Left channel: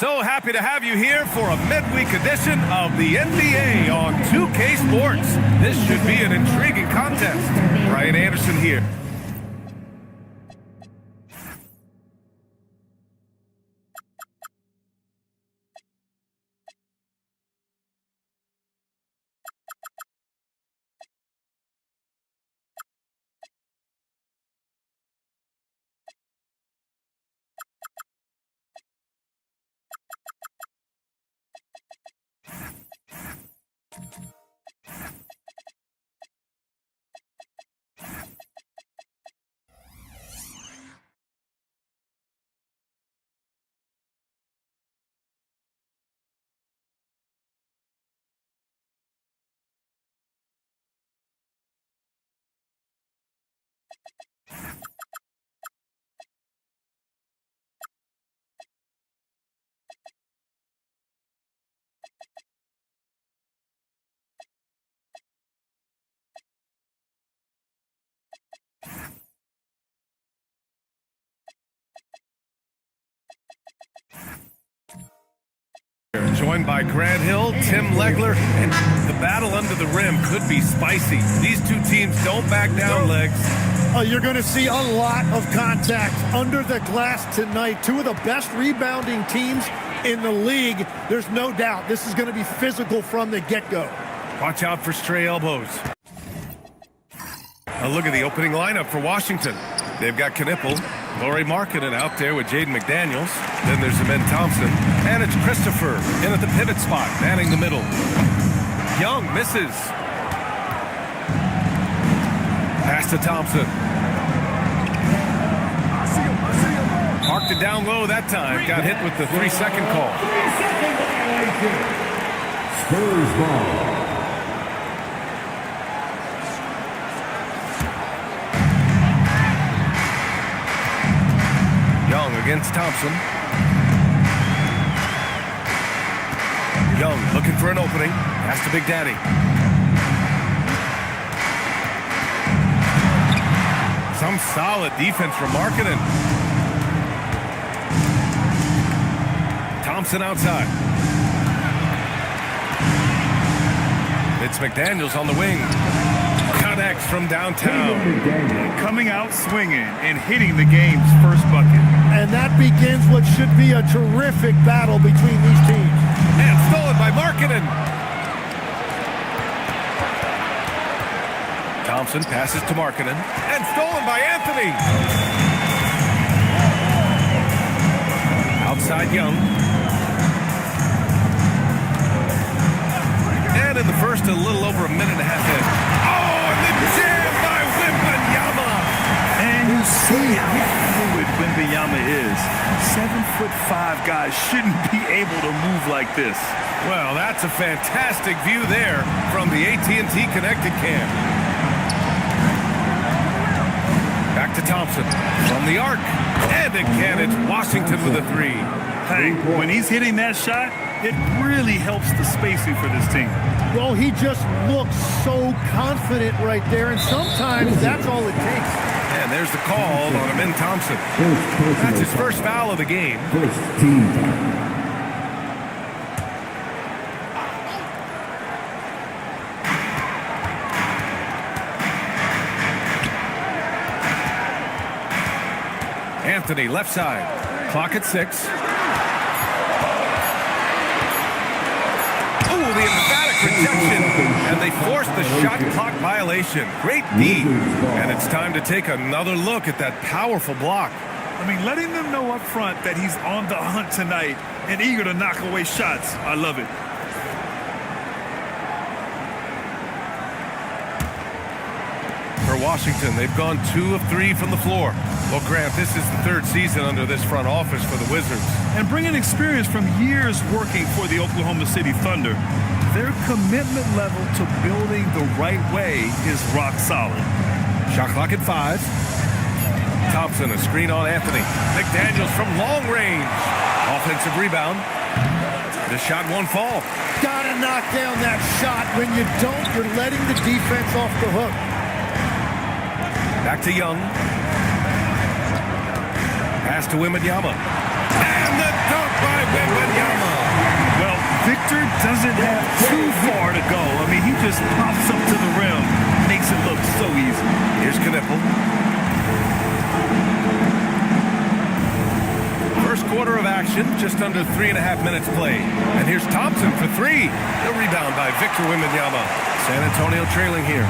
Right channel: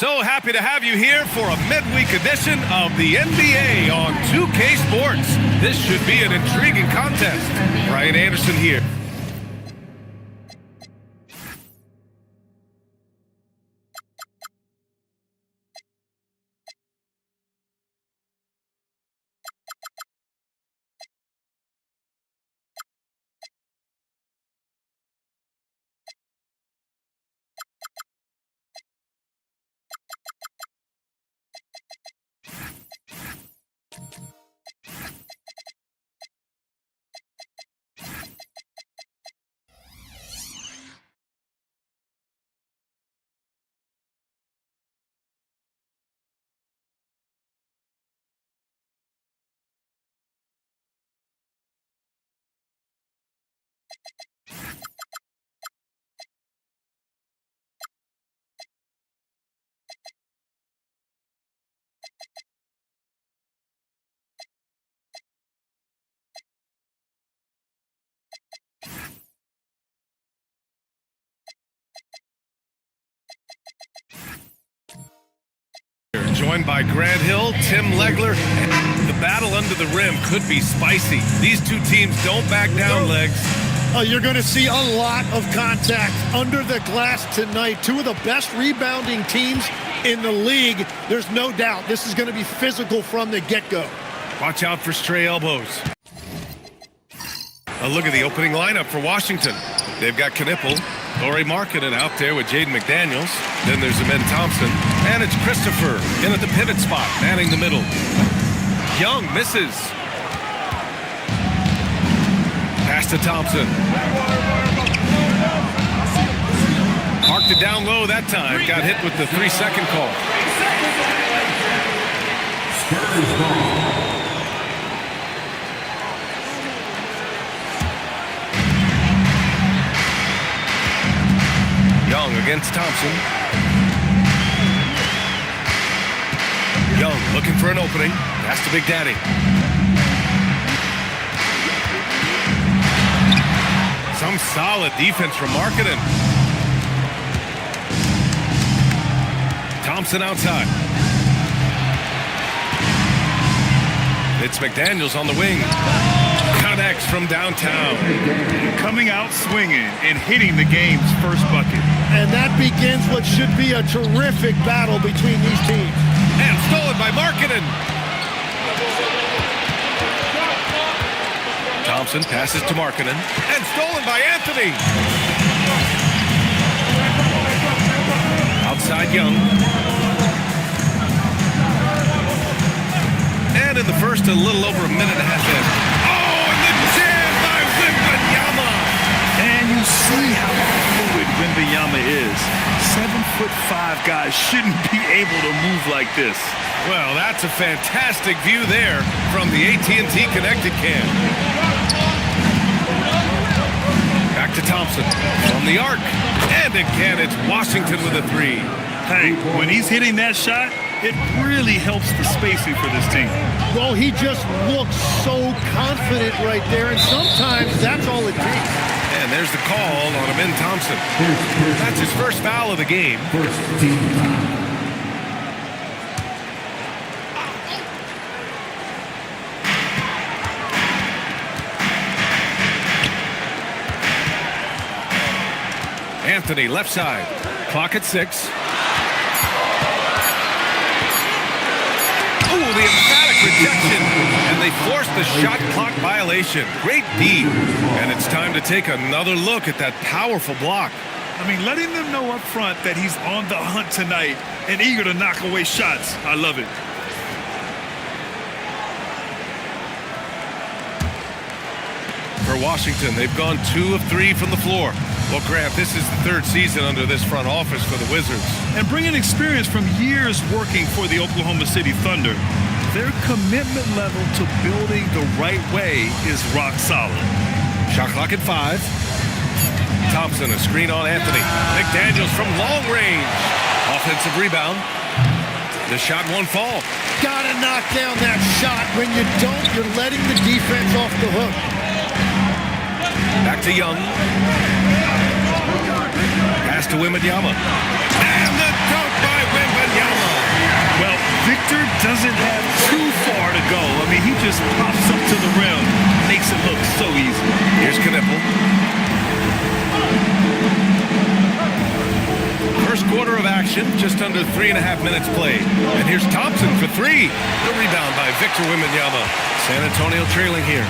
So happy to have you here for a midweek edition of the NBA on 2K Sports. This should be an intriguing contest. Brian Anderson here. Joined by Grant Hill, Tim Legler, and the battle under the rim could be spicy. These two teams don't back down, Legs. You're going to see a lot of contact under the glass tonight. Two of the best rebounding teams in the league. There's no doubt this is going to be physical from the get-go. Watch out for stray elbows. A look at the opening lineup for Washington. They've got Knipple, Lauri Markkanen out there with Jaden McDaniels. Then there's Amen Thompson. And it's Christopher in at the pivot spot, manning the middle. Young misses. Pass to Thompson. Parked it down low that time. Got hit with the 3-second call. Spurs ball. Young against Thompson. Young looking for an opening. Pass to Big Daddy. Some solid defense from Markkanen. Thompson outside. It's McDaniels on the wing. Connects from downtown. Coming out swinging and hitting the game's first bucket. And that begins what should be a terrific battle between these teams. And stolen by Markkanen. Thompson passes to Markkanen. And stolen by Anthony. Outside Young. And in the first, a little over a minute and a half in. Oh, and the jam by Wembanyama. And you see how fluid Wembanyama is. 7'5" guys shouldn't be able to move like this. Well, that's a fantastic view there from the AT&T Connected Cam. Back to Thompson from the arc. And again, it's Washington with a three. Hey, when he's hitting that shot, it really helps the spacing for this team. Well, he just looks so confident right there, and sometimes that's all it takes. And there's the call on Amen Thompson. That's his first foul of the game. First team foul. Anthony, left side. Clock at 6. Oh, the emphatic rejection. And they forced the shot clock violation. Great D. And it's time to take another look at that powerful block. I mean, letting them know up front that he's on the hunt tonight and eager to knock away shots. I love it. For Washington, they've gone 2 of 3 from the floor. Well, Grant, this is the third season under this front office for the Wizards. And bringing experience from years working for the Oklahoma City Thunder, their commitment level to building the right way is rock solid. Shot clock at 5. Thompson, a screen on Anthony. McDaniels from long range. Offensive rebound. The shot won't fall. Gotta knock down that shot. When you don't, you're letting the defense off the hook. Back to Young. Pass to Wembanyama. And the dunk by by Wembanyama. Well, Victor doesn't have too far to go. I mean, he just pops up to the rim, makes it look so easy. Here's Knipple. First quarter of action, just under 3.5 minutes played. And here's Thompson for three. The rebound by Victor Wembanyama. San Antonio trailing here.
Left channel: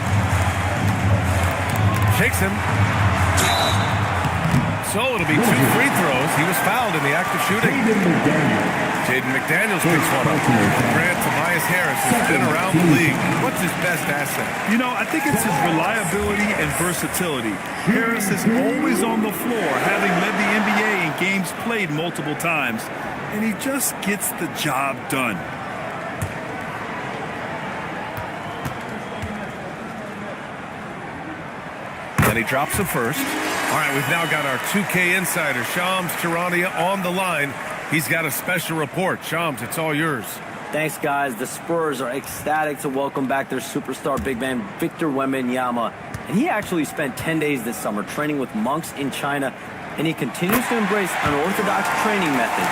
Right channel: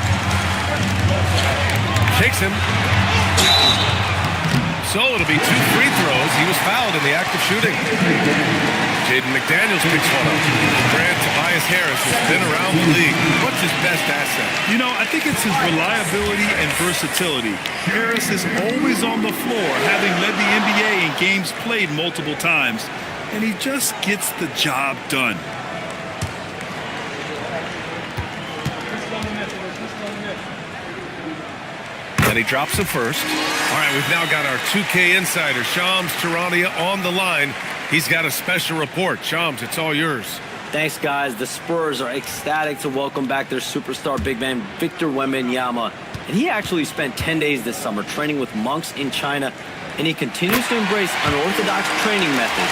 Shakes him. So it'll be 2 free throws. He was fouled in the act of shooting. Jaden McDaniels picks one up. Grant Tobias Harris has been around the league. What's his best asset? You know, I think it's his reliability and versatility. Harris is always on the floor, having led the NBA in games played multiple times, and he just gets the job done. And he drops the first. All right, we've now got our 2K insider, Shams Charania, on the line. He's got a special report. Shams, it's all yours. Thanks, guys. The Spurs are ecstatic to welcome back their superstar big man, Victor Wembanyama. And he actually spent 10 days this summer training with monks in China, and he continues to embrace unorthodox training methods.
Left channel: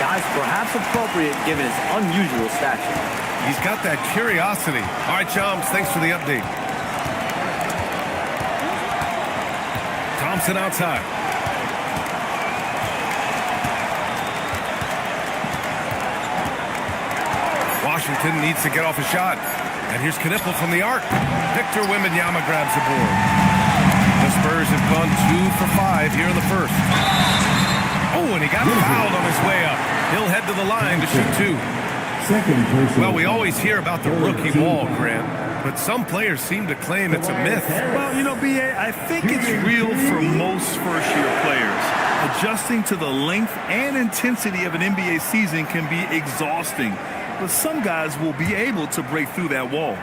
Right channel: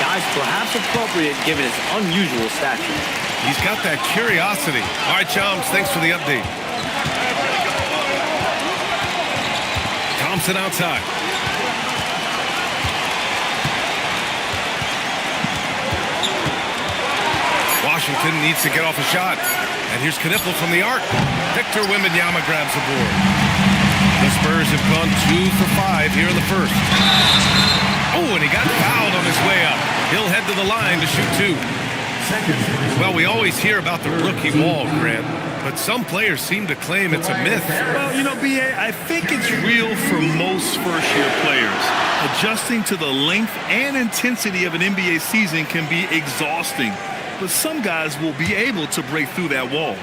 Guys, perhaps appropriate given his unusual stature. He's got that curiosity. All right, Shams, thanks for the update. Thompson outside. Washington needs to get off a shot. And here's Knipple from the arc. Victor Wembanyama grabs the board. The Spurs have gone 2 for 5 here in the first. Oh, and he got fouled on his way up. He'll head to the line to shoot 2. Well, we always hear about the rookie wall, Grant, but some players seem to claim it's a myth. Well, you know, B.A., I think it's real for most first-year players. Adjusting to the length and intensity of an NBA season can be exhausting, but some guys will be able to break through that wall.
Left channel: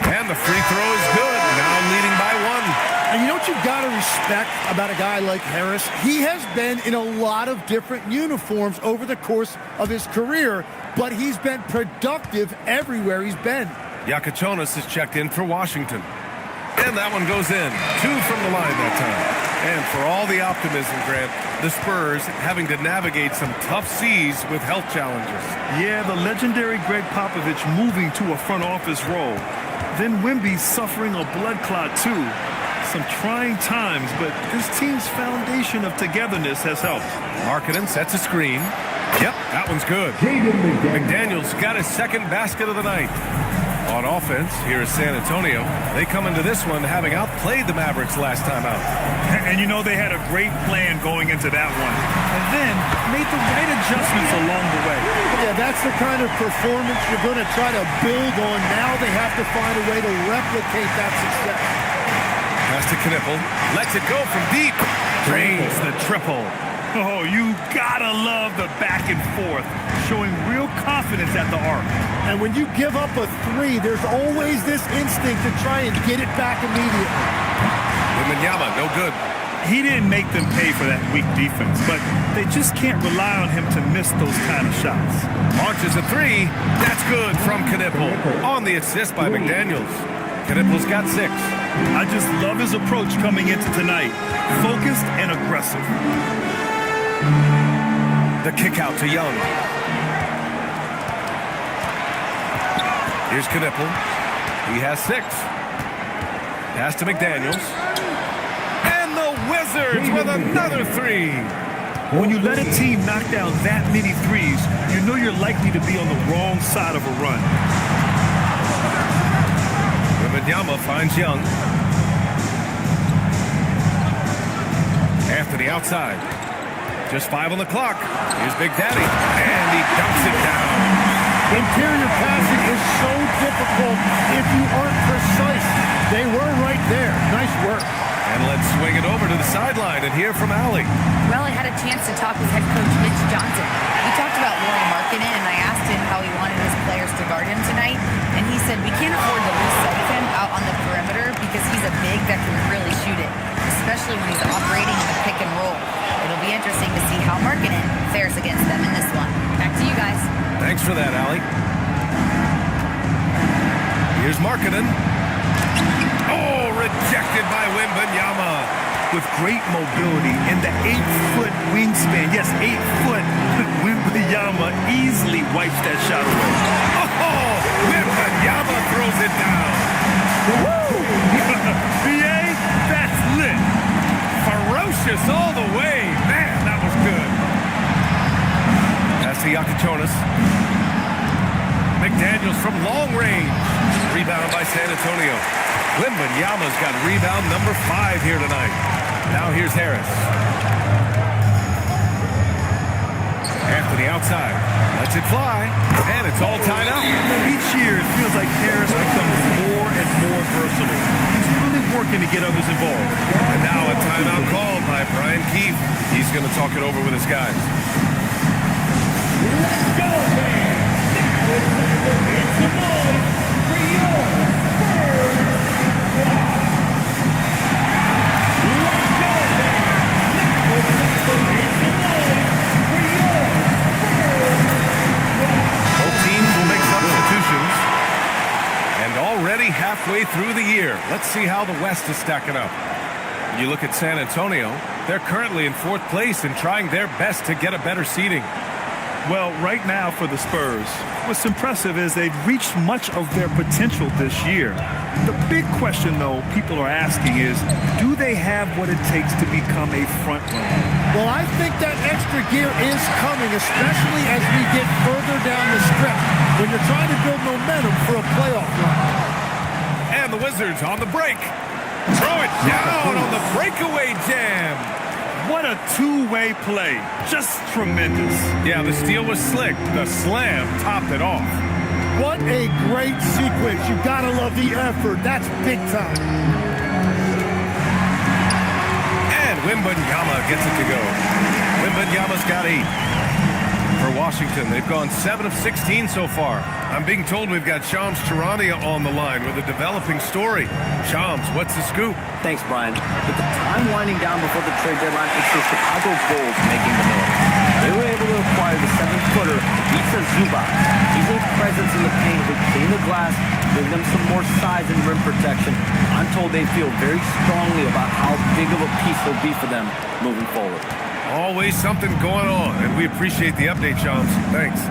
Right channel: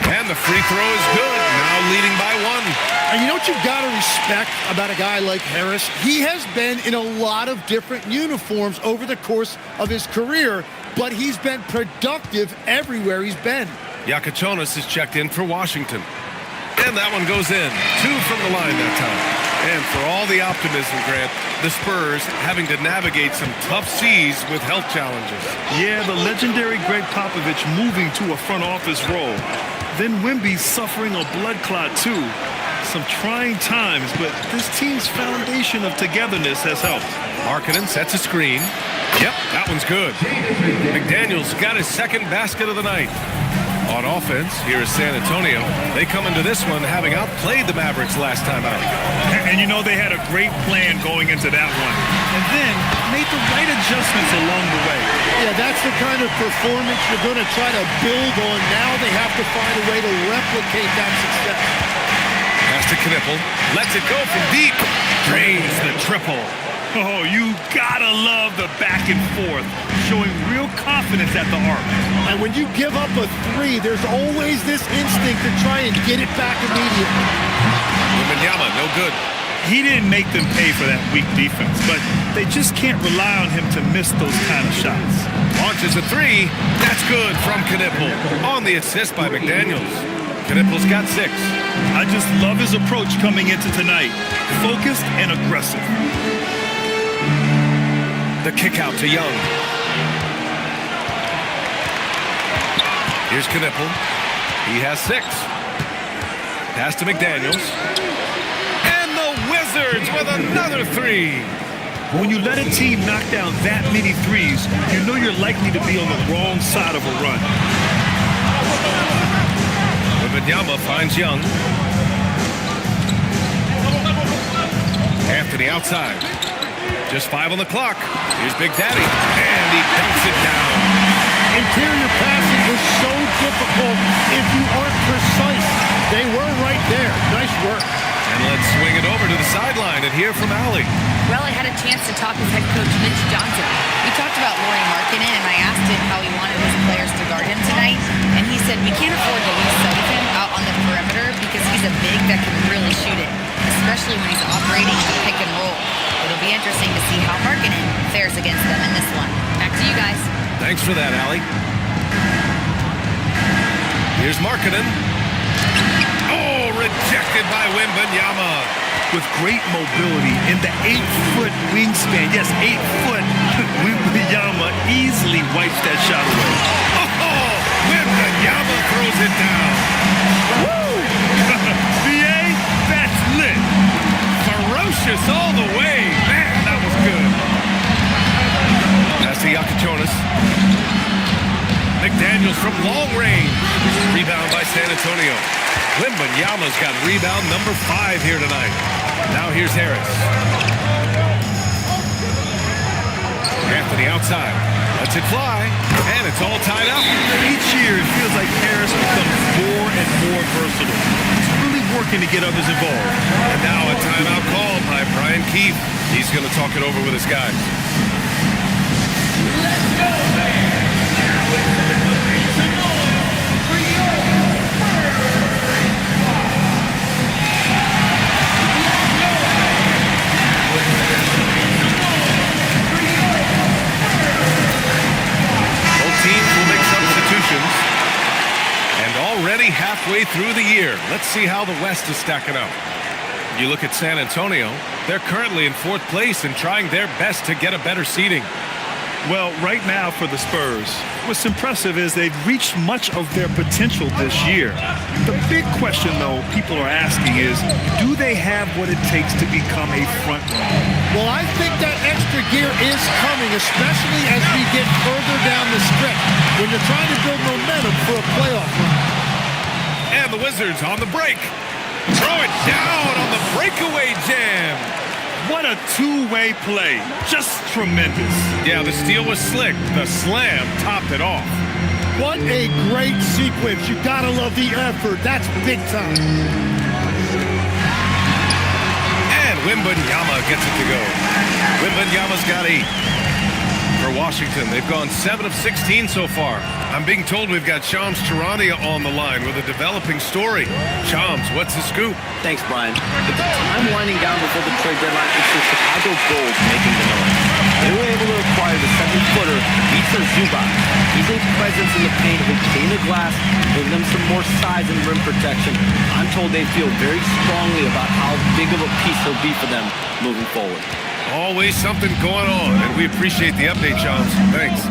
And the free throw is good, now leading by 1. And you know what you've got to respect about a guy like Harris? He has been in a lot of different uniforms over the course of his career, but he's been productive everywhere he's been. Yakachonis is checked in for Washington. And that one goes in. 2 from the line that time. And for all the optimism, Grant, the Spurs having to navigate some tough seas with health challenges. Yeah, the legendary Greg Popovich moving to a front office role. Then Wemby suffering a blood clot too. Some trying times, but this team's foundation of togetherness has helped. Markkanen sets a screen. Yep, that one's good. McDaniels got his second basket of the night. On offense, here is San Antonio. They come into this one having outplayed the Mavericks last time out. And you know they had a great plan going into that one. And then made the right adjustments along the way. Yeah, that's the kind of performance you're going to try to build on. Now they have to find a way to replicate that success. Pass to Knipple. Lets it go from deep. Drains the triple. Oh, you gotta love the back and forth, showing real confidence at the arc. And when you give up a 3, there's always this instinct to try and get it back immediately. Wembanyama, no good. He didn't make them pay for that weak defense, but they just can't rely on him to miss those kind of shots. Launches a 3. That's good from Knipple. On the assist by McDaniels. Knipple's got 6. I just love his approach coming into tonight. Focused and aggressive. The kick out to Young. Here's Knipple. He has 6. Pass to McDaniels. And the Wizards with another 3. When you let a team knock down that many threes, you know you're likely to be on the wrong side of a run. Wembanyama finds Young. Anthony outside. Just 5 on the clock. Here's Big Daddy. And he dunks it down. Interior passing is so difficult if you aren't precise. They were right there. Nice work. And let's swing it over to the sideline and hear from Allie. Well, I had a chance to talk with head coach Mitch Johnson. We talked about Lauri Markkanen, and I asked him how he wanted his players to guard him tonight. And he said, we can't afford to lose sight of him out on the perimeter because he's a big that can really shoot it, especially when he's operating in the pick and roll. It'll be interesting to see how Markkanen fares against them in this one. Back to you guys. Thanks for that, Allie. Here's Markkanen. Oh, rejected by Wembanyama. with great mobility and the 8-foot wingspan. Yes, 8 foot. Wembanyama easily wipes that shot away. Oh, Wembanyama throws it down. Woo! VA, that's lit. Ferocious all the way. Man, that was good. Pass to Yakichonis. McDaniels from long range. Rebound by San Antonio. Wembanyama's got rebound number 5 here tonight. Now here's Harris. Anthony outside. Lets it fly. And it's all tied up. Each year, it feels like Harris becomes more and more versatile. He's really working to get others involved. And now a timeout called by Brian Keefe. He's going to talk it over with his guys. Teams will make substitutions. And already halfway through the year, let's see how the West is stacking up. You look at San Antonio, they're currently in 4th place and trying their best to get a better seeding. Well, right now for the Spurs, what's impressive is they've reached much of their potential this year. The big question, though, people are asking is, do they have what it takes to become a front runner? Well, I think that extra gear is coming, especially as we get further down the stretch, when you're trying to build momentum for a playoff run. And the Wizards on the break. Throw it down on the breakaway jam. What a two-way play. Just tremendous. Yeah, the steal was slick. The slam topped it off. What a great sequence. You gotta love the effort. That's big time. And Wembanyama gets it to go. Wembanyama's got 8. For Washington, they've gone 7 of 16 so far. I'm being told we've got Shams Charania on the line with a developing story. Shams, what's the scoop? Thanks, Brian. With the time winding down before the trade deadline, it's the Chicago Bulls making the noise. They were able to acquire the 7-footer, Ivica Zubac. He's a presence in the paint who clean the glass, bring them some more size and rim protection. I'm told they feel very strongly about how big of a piece he'll be for them moving forward. Always something going on, and we appreciate the update, Shams. Thanks.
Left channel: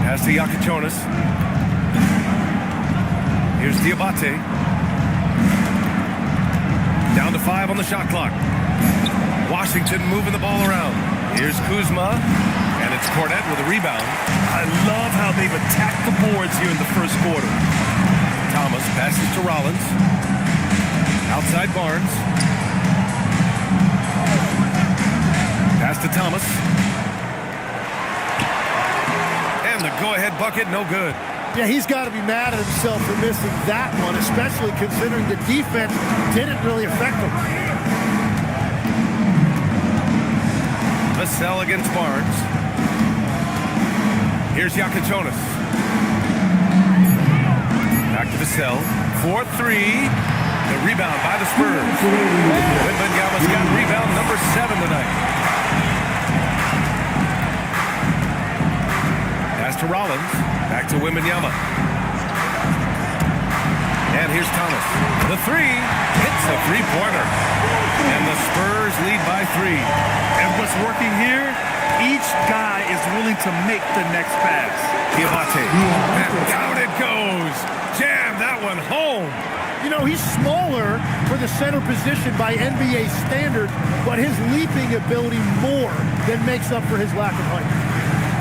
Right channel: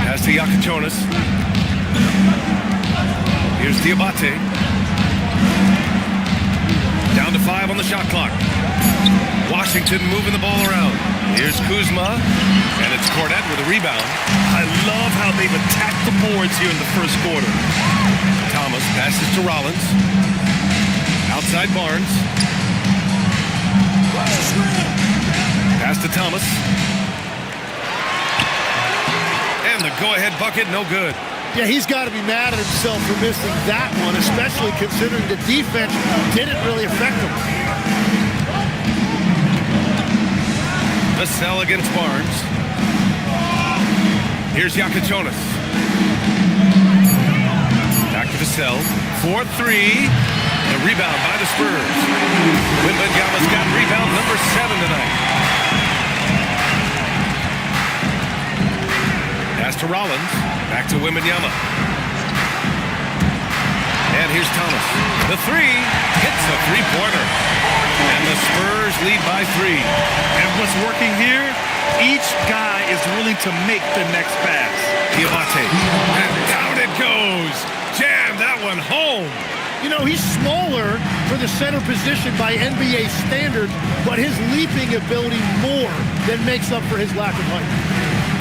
Pass to Yakichonis. Here's Diabate. Down to 5 on the shot clock. Washington moving the ball around. Here's Kuzma, and it's Cornette with a rebound. I love how they've attacked the boards here in the first quarter. Thomas passes to Rollins. Outside Barnes. Pass to Thomas. And the go-ahead bucket, no good. Yeah, he's got to be mad at himself for missing that one, especially considering the defense didn't really affect him. Vassell against Barnes. Here's Yakichonis. Back to Vassell. 4-3. The rebound by the Spurs. Wembanyama's got rebound number 7 tonight. Pass to Rollins. Back to Wembanyama. And here's Thomas. The 3 hits a 3-pointer. And the Spurs lead by 3. And what's working here? Each guy is willing to make the next pass. Diabate. And down it goes. Jam that one home. You know, he's smaller for the center position by NBA standards, but his leaping ability more than makes up for his lack of height.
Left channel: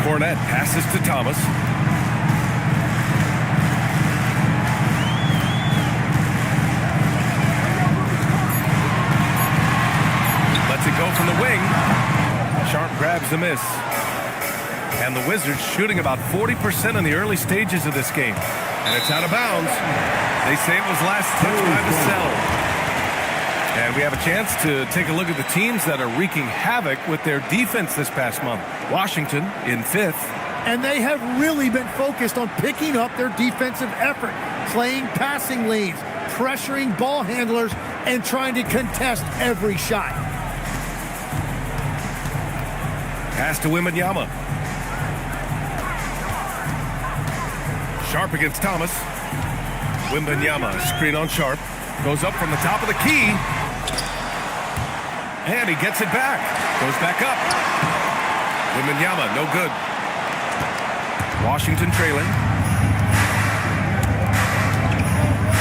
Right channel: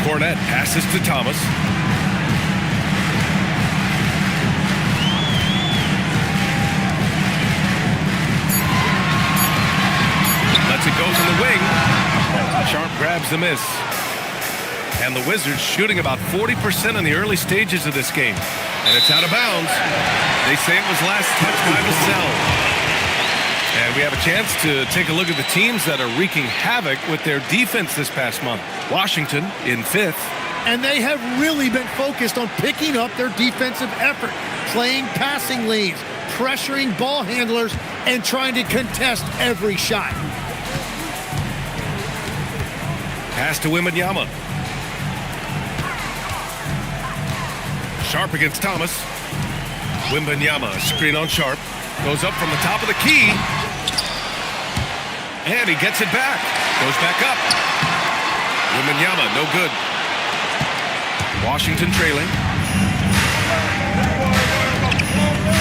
Cornette passes to Thomas. Lets it go from the wing. Sharp grabs the miss. And the Wizards shooting about 40% in the early stages of this game. And it's out of bounds. They say it was last touched by Vassell. And we have a chance to take a look at the teams that are wreaking havoc with their defense this past month. Washington in 5th. And they have really been focused on picking up their defensive effort, playing passing lanes, pressuring ball handlers, and trying to contest every shot. Pass to Wembanyama. Sharp against Thomas. Wembanyama, screen on Sharp. Goes up from the top of the key. And he gets it back. Goes back up. Wembanyama, no good. Washington trailing.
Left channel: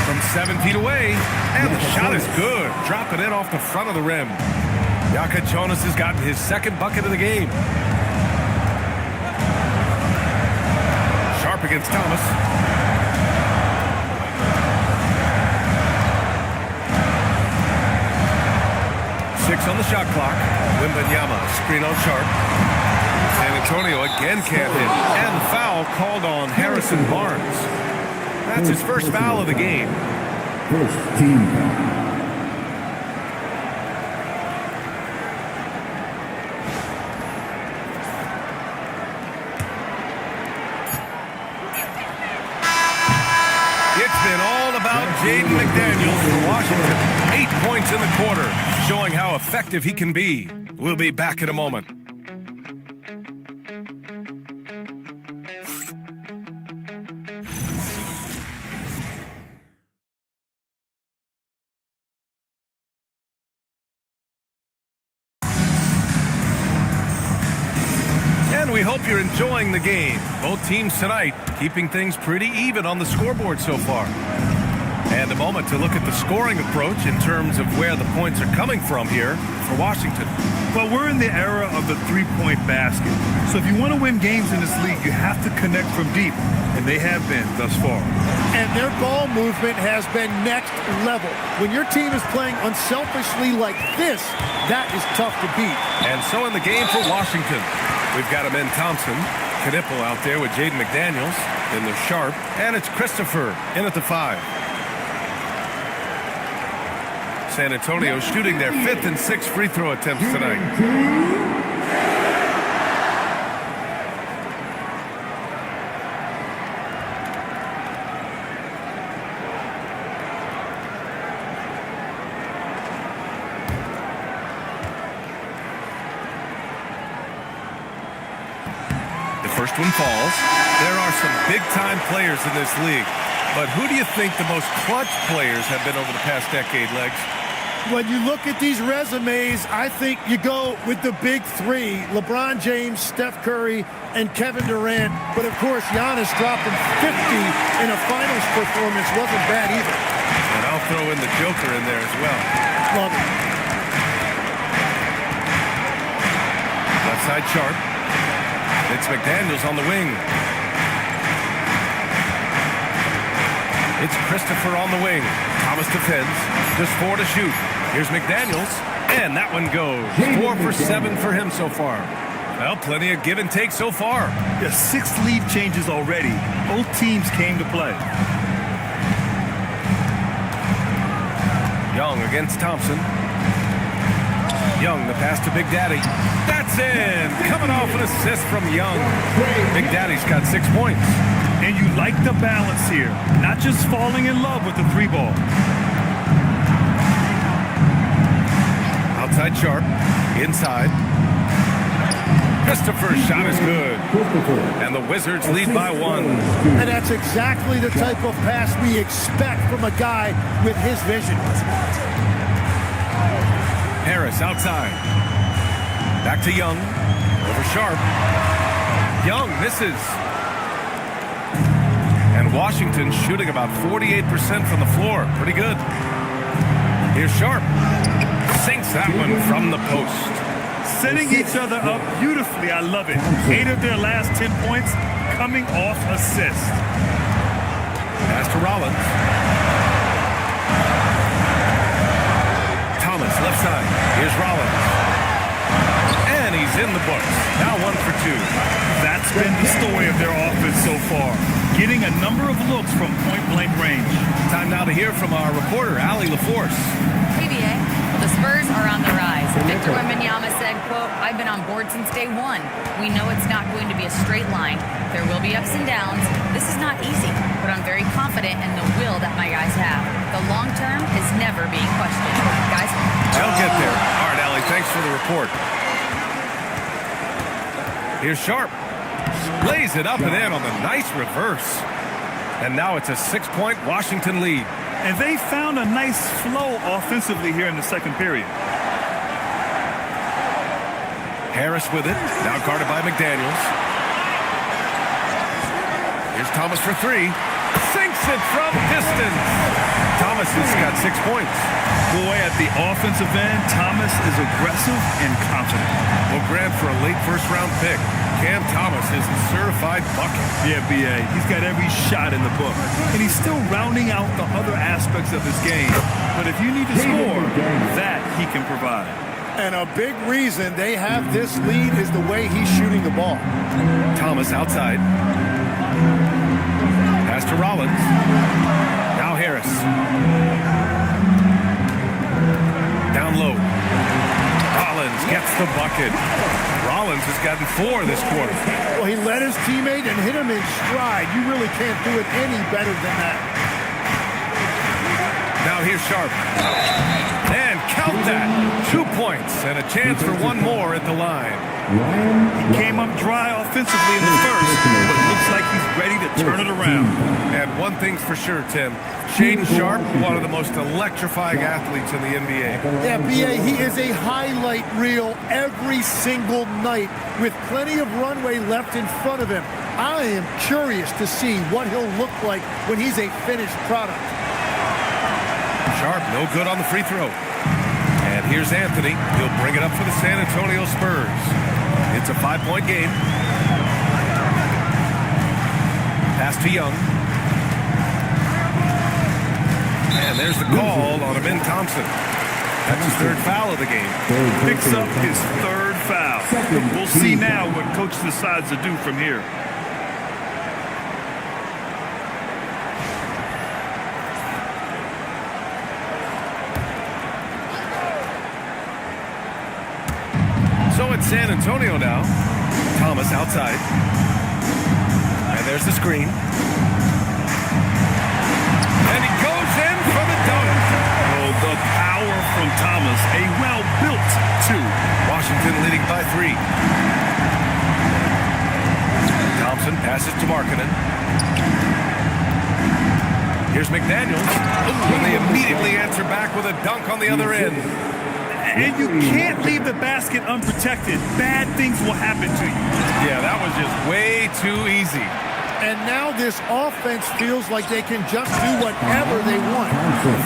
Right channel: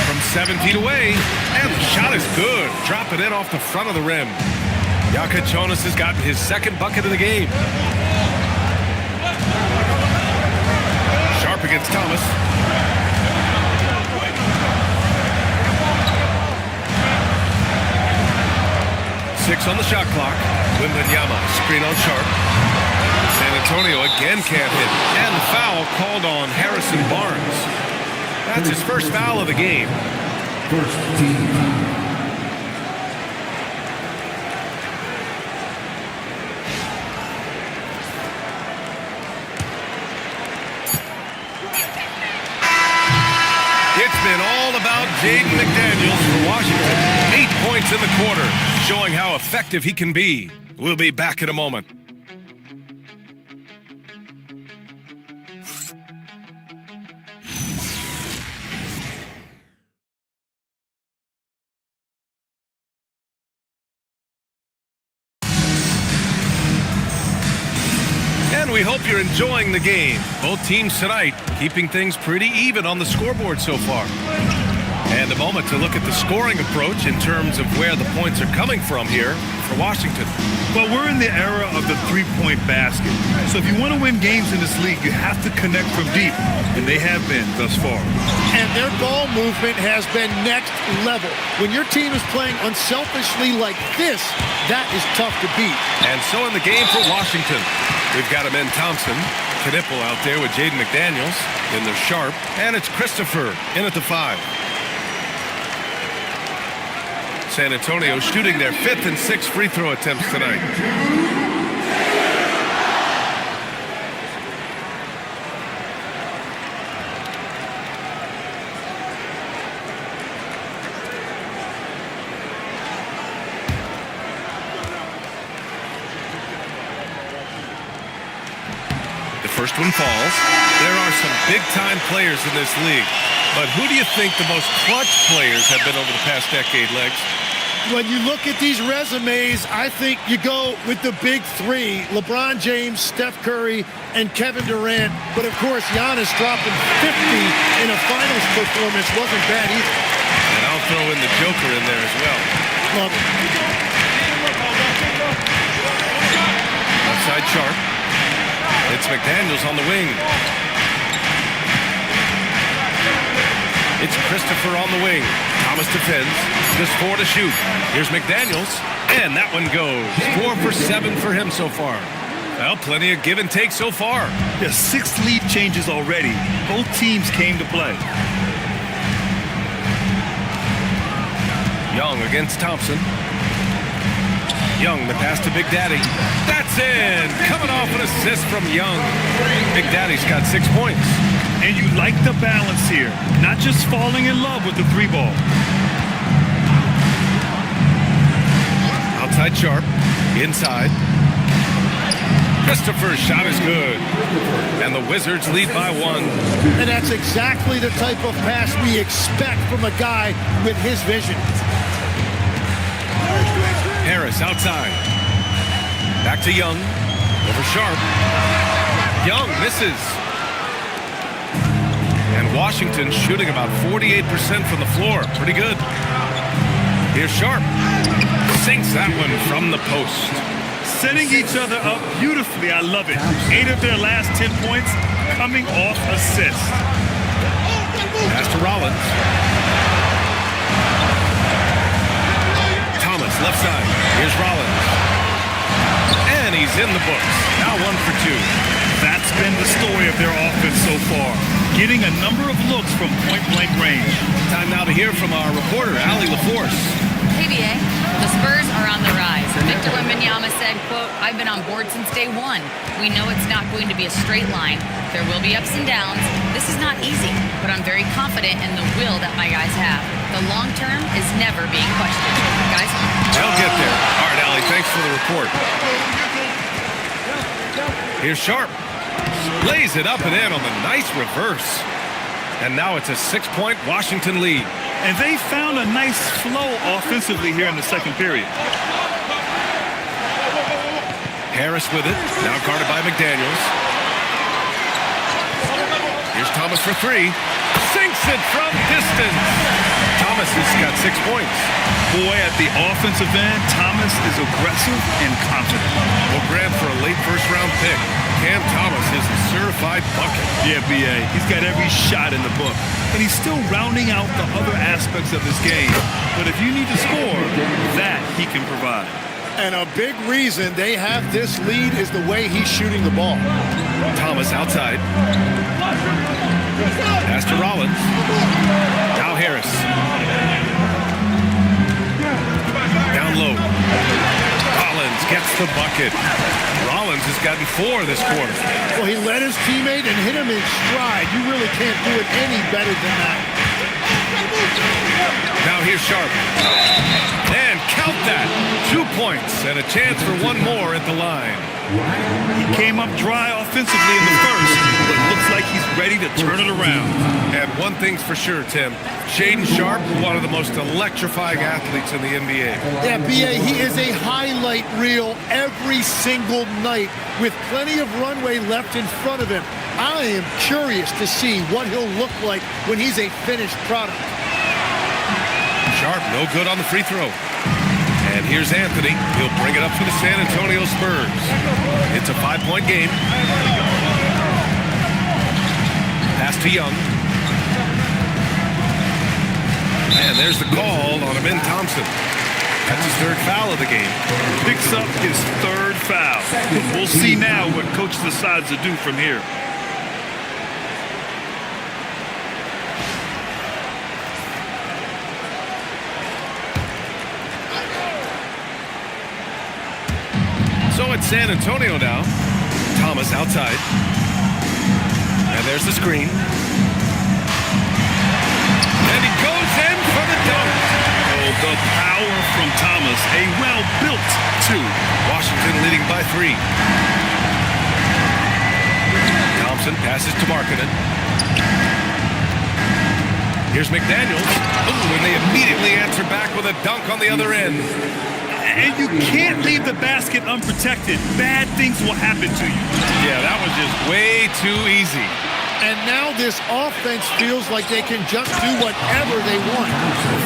From 7 feet away. And the shot is good. Dropping it off the front of the rim. Jaka Jonas has gotten his second bucket of the game. Sharp against Thomas. Six on the shot clock. Wembanyama, screen on Sharp. San Antonio again can't hit. And the foul called on Harrison Barnes. That's his first foul of the game. First team foul. It's been all about Jaden McDaniels for Washington. 8 points in the quarter, showing how effective he can be. We'll be back in a moment. And we hope you're enjoying the game. Both teams tonight keeping things pretty even on the scoreboard so far. And a moment to look at the scoring approach in terms of where the points are coming from here for Washington. Well, we're in the era of the three-point basket. So if you want to win games in this league, you have to connect from deep. And they have been thus far. And their ball movement has been next level. When your team is playing unselfishly like this, that is tough to beat. And so in the game for Washington, we've got Amen Thompson, Knipple out there with Jaden McDaniels. Then there's Sharp, and it's Christopher in at the 5. San Antonio shooting their 5th and 6th free throw attempts tonight. The first one falls. There are some big-time players in this league. But who do you think the most clutch players have been over the past decade, Legs? When you look at these resumes, I think you go with the big three, LeBron James, Steph Curry, and Kevin Durant. But, of course, Giannis dropping 50 in a finals performance wasn't bad either. And I'll throw in the Joker in there as well. Love it. Left side Sharp. It's McDaniels on the wing. It's Christopher on the wing. Thomas defends. Just 4 to shoot. Here's McDaniels. And that one goes. 4 for 7 for him so far. Well, plenty of give and take so far. There's 6 lead changes already. Both teams came to play. Young against Thompson. Young, the pass to Big Daddy. That's in. Coming off an assist from Young. Big Daddy's got 6 points. And you like the balance here. Not just falling in love with the 3-ball. Outside Sharp. Inside. Christopher's shot is good. And the Wizards lead by 1. And that's exactly the type of pass we expect from a guy with his vision. Harris outside. Back to Young. Over Sharp. Young misses. And Washington shooting about 48% from the floor. Pretty good. Here's Sharp. Sinks that one from the post. Setting each other up beautifully. I love it. 8 of their last 10 points coming off assist. Pass to Rollins. Thomas, left side. Here's Rollins. And he's in the books. Now 1 for 2. That's been the story of their offense so far. Getting a number of looks from point-blank range. Time now to hear from our reporter, Allie LaForce. KBA, well, the Spurs are on the rise. Victor Wembanyama said, quote, "I've been on board since day one. We know it's not going to be a straight line. There will be ups and downs. This is not easy, but I'm very confident in the will that my guys have. The long term is never being questioned." Guys? They'll get there. All right, Allie, thanks for the report. Here's Sharp. Lays it up and in on the nice reverse. And now it's a 6-point Washington lead. And they found a nice flow offensively here in the second period. Harris with it. Now guarded by McDaniels. Here's Thomas for three. Sinks it from distance. Thomas has got 6 points. Boy, at the offensive end, Thomas is aggressive and confident. Well, Grant, for a late first-round pick, Cam Thomas is a certified bucket. Yeah, B.A. He's got every shot in the book. And he's still rounding out the other aspects of his game. But if you need to score, that he can provide. And a big reason they have this lead is the way he's shooting the ball. Thomas outside. Pass to Rollins. Now Harris. Down low. Rollins gets the bucket. Rollins has gotten 4 this quarter. Well, he led his teammate and hit him in stride. You really can't do it any better than that. Now here's Sharp. And count that. 2 points and a chance for one more at the line. He came up dry offensively in the first, but looks like he's ready to turn it around. And one thing's for sure, Tim. Shaedon Sharp, one of the most electrifying athletes in the NBA. Yeah, B.A., he is a highlight reel every single night with plenty of runway left in front of him. I am curious to see what he'll look like when he's a finished product. Sharp, no good on the free throw. And here's Anthony. He'll bring it up for the San Antonio Spurs. It's a 5-point game. Pass to Young. And there's the call on Amin Thompson. That's his 3rd foul of the game. Picks up his 3rd foul. We'll see now what coach decides to do from here. So it's San Antonio now. Thomas outside. And there's the screen. And he goes in for the dunk. Oh, the power from Thomas. A well-built 2. Washington leading by 3. Thompson passes to Markkanen. Here's McDaniels. Ooh, and they immediately answer back with a dunk on the other end. And you can't leave the basket unprotected. Bad things will happen to you. Yeah, that was just way too easy. And now this offense feels like they can just do whatever they want.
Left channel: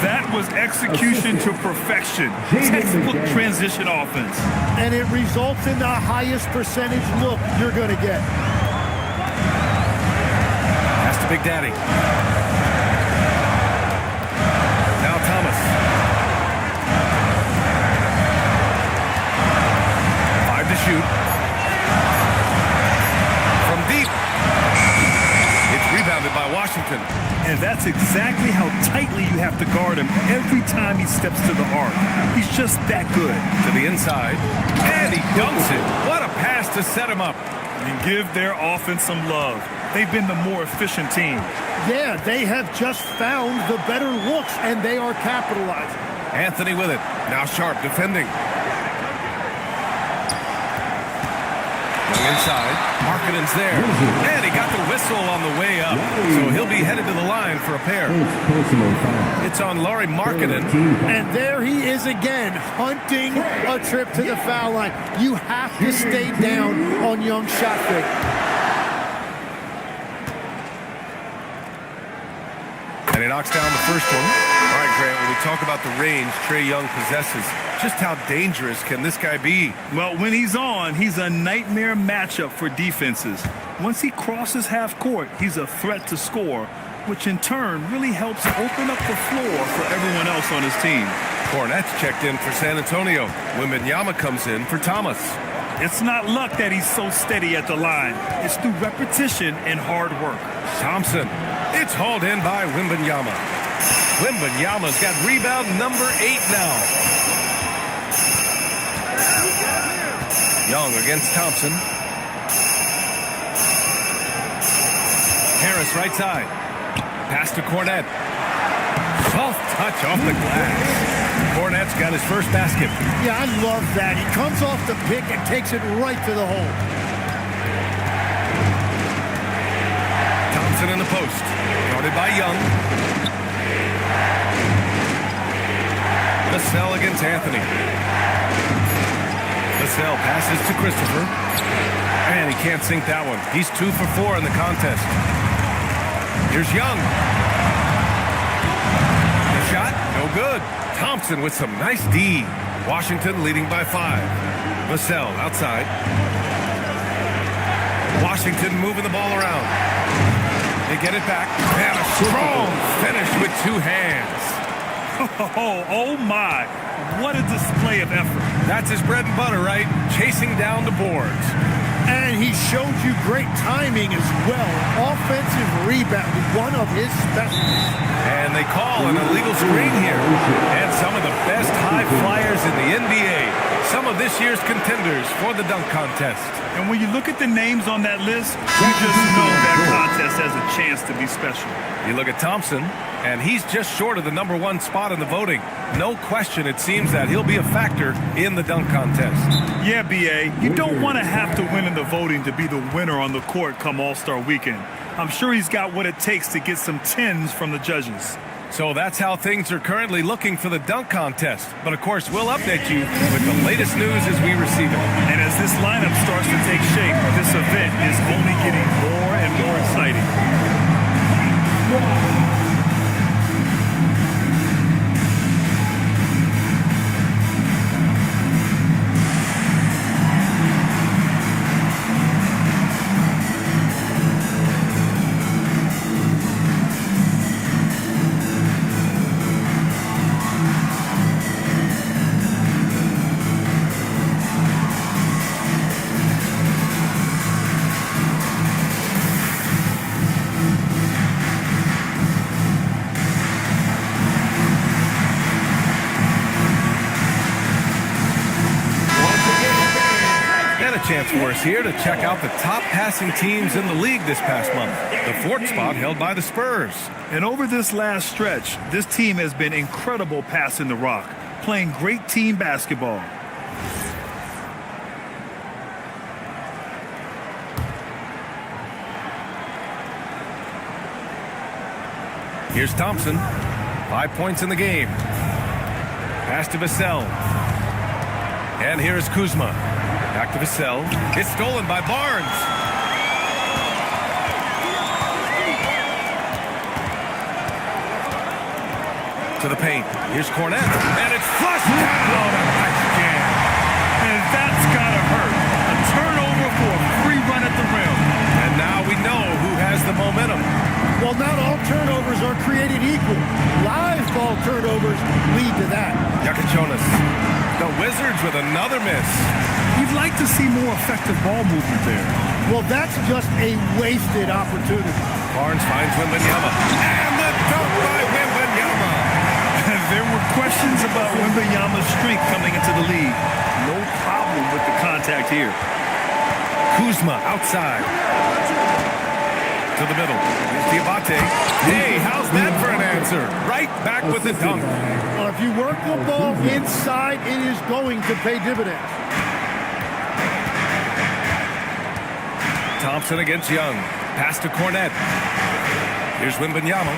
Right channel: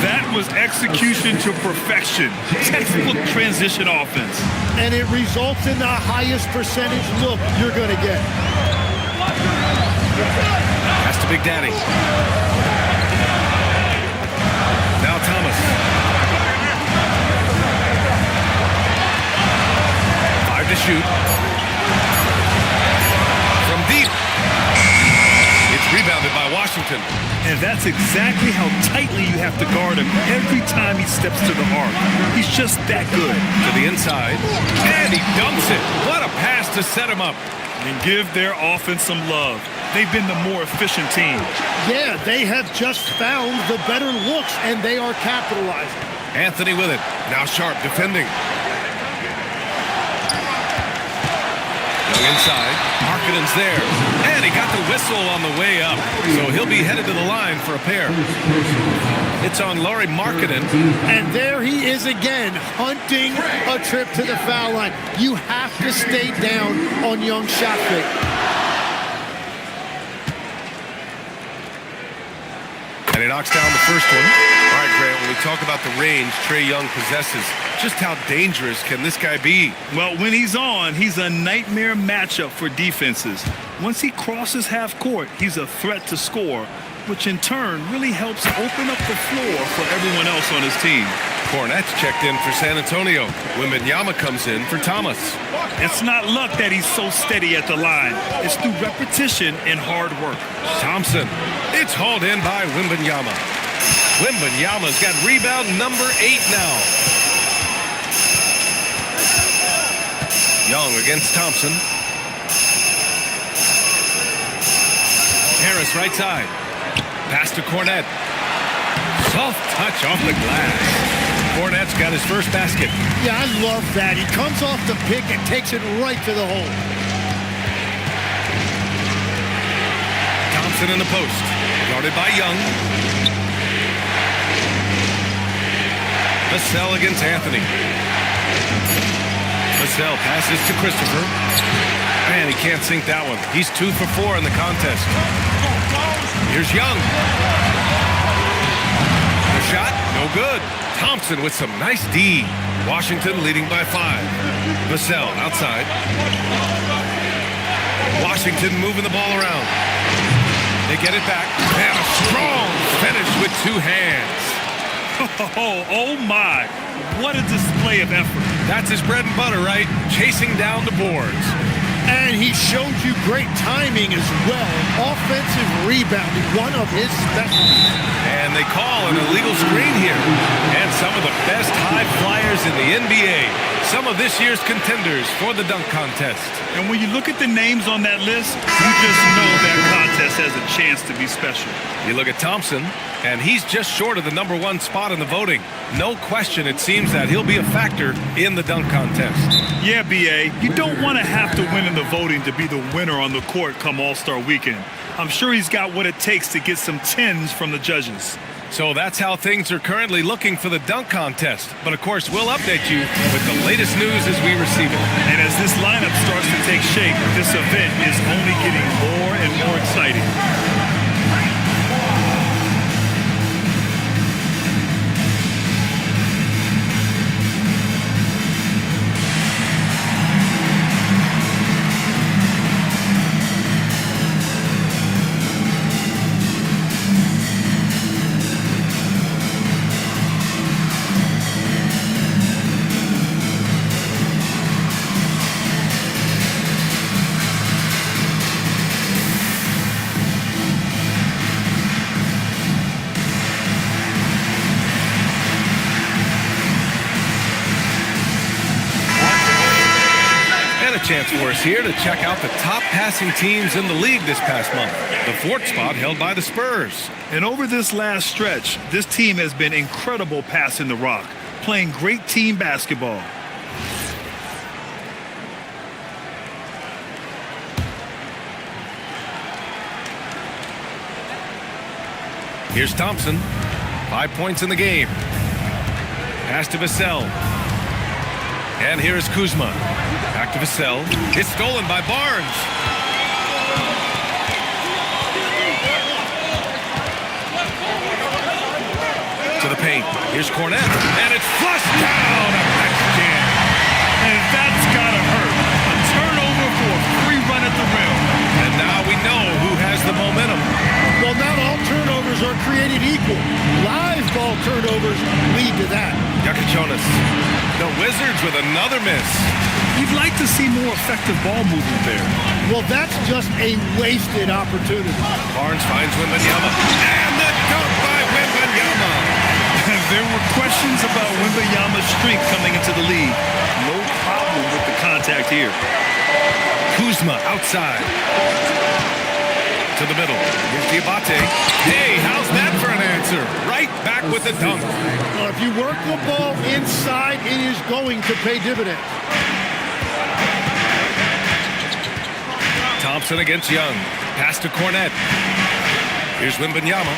That was execution to perfection. Textbook transition offense. And it results in the highest percentage look you're going to get. Pass to Big Daddy. Now Thomas. 5 to shoot. From deep. It's rebounded by Washington. And that's exactly how tightly you have to guard him every time he steps to the arc. He's just that good. To the inside. And he dunks it. What a pass to set him up. And give their offense some love. They've been the more efficient team. Yeah, they have just found the better looks, and they are capitalizing. Anthony with it. Now Sharp defending. Young inside. Markkanen's there. And he got the whistle on the way up. So he'll be headed to the line for a pair. It's on Lauri Markkanen. And there he is again, hunting a trip to the foul line. You have to stay down on Young's shot fake. And he knocks down the first one. All right, Grant, when we talk about the range Trae Young possesses, just how dangerous can this guy be? Well, when he's on, he's a nightmare matchup for defenses. Once he crosses half court, he's a threat to score, which in turn really helps open up the floor for everyone else on his team. Cornette's checked in for San Antonio. Wembanyama comes in for Thomas. It's not luck that he's so steady at the line. It's through repetition and hard work. Thompson. It's hauled in by Wembanyama. Wembanyama's got rebound number 8 now. Young against Thompson. Harris right side. Pass to Cornette. Soft touch off the glass. Cornette's got his first basket. Yeah, I love that. He comes off the pick and takes it right to the hole. Thompson in the post. Guarded by Young. Vassell against Anthony. Vassell passes to Christopher. And he can't sink that one. He's 2 for 4 in the contest. Here's Young. The shot, no good. Thompson with some nice D. Washington leading by 5. Vassell outside. Washington moving the ball around. They get it back. And a strong finish with 2 hands. Oh my. What a display of effort. That's his bread and butter, right? Chasing down the boards. And he showed you great timing as well. Offensive rebounding, one of his specialties. And they call an illegal screen here. And some of the best high flyers in the NBA. Some of this year's contenders for the dunk contest. And when you look at the names on that list, you just know that contest has a chance to be special. You look at Thompson, and he's just short of the #1 spot in the voting. No question, it seems that he'll be a factor in the dunk contest. Yeah, B.A., you don't want to have to win in the voting to be the winner on the court come All-Star Weekend. I'm sure he's got what it takes to get some 10s from the judges. So that's how things are currently looking for the dunk contest. But of course, we'll update you with the latest news as we receive it. And as this lineup starts to take shape, this event is only getting more and more exciting. And a chance for us here to check out the top passing teams in the league this past month. The 4th spot held by the Spurs. And over this last stretch, this team has been incredible passing the rock, playing great team basketball. Here's Thompson. 5 points in the game. Pass to Vassell. And here is Kuzma. Back to Vassell. It's stolen by Barnes. To the paint. Here's Cornette. And it's flushed down. A nice jam. And that's got to hurt. A turnover for a free run at the rim. And now we know who has the momentum. Well, not all turnovers are created equal. Live ball turnovers lead to that. Yakachonis. The Wizards with another miss. You'd like to see more effective ball movement there. Well, that's just a wasted opportunity. Barnes finds Wembanyama. And the dunk by Wembanyama. There were questions about Wembanyama's strength coming into the league. No problem with the contact here. Kuzma outside. To the middle. Here's Diabate. Hey, how's that for an answer? Right back with the dunk. Well, if you work the ball inside, it is going to pay dividends. Thompson against Young. Pass to Cornette. Here's Wembanyama.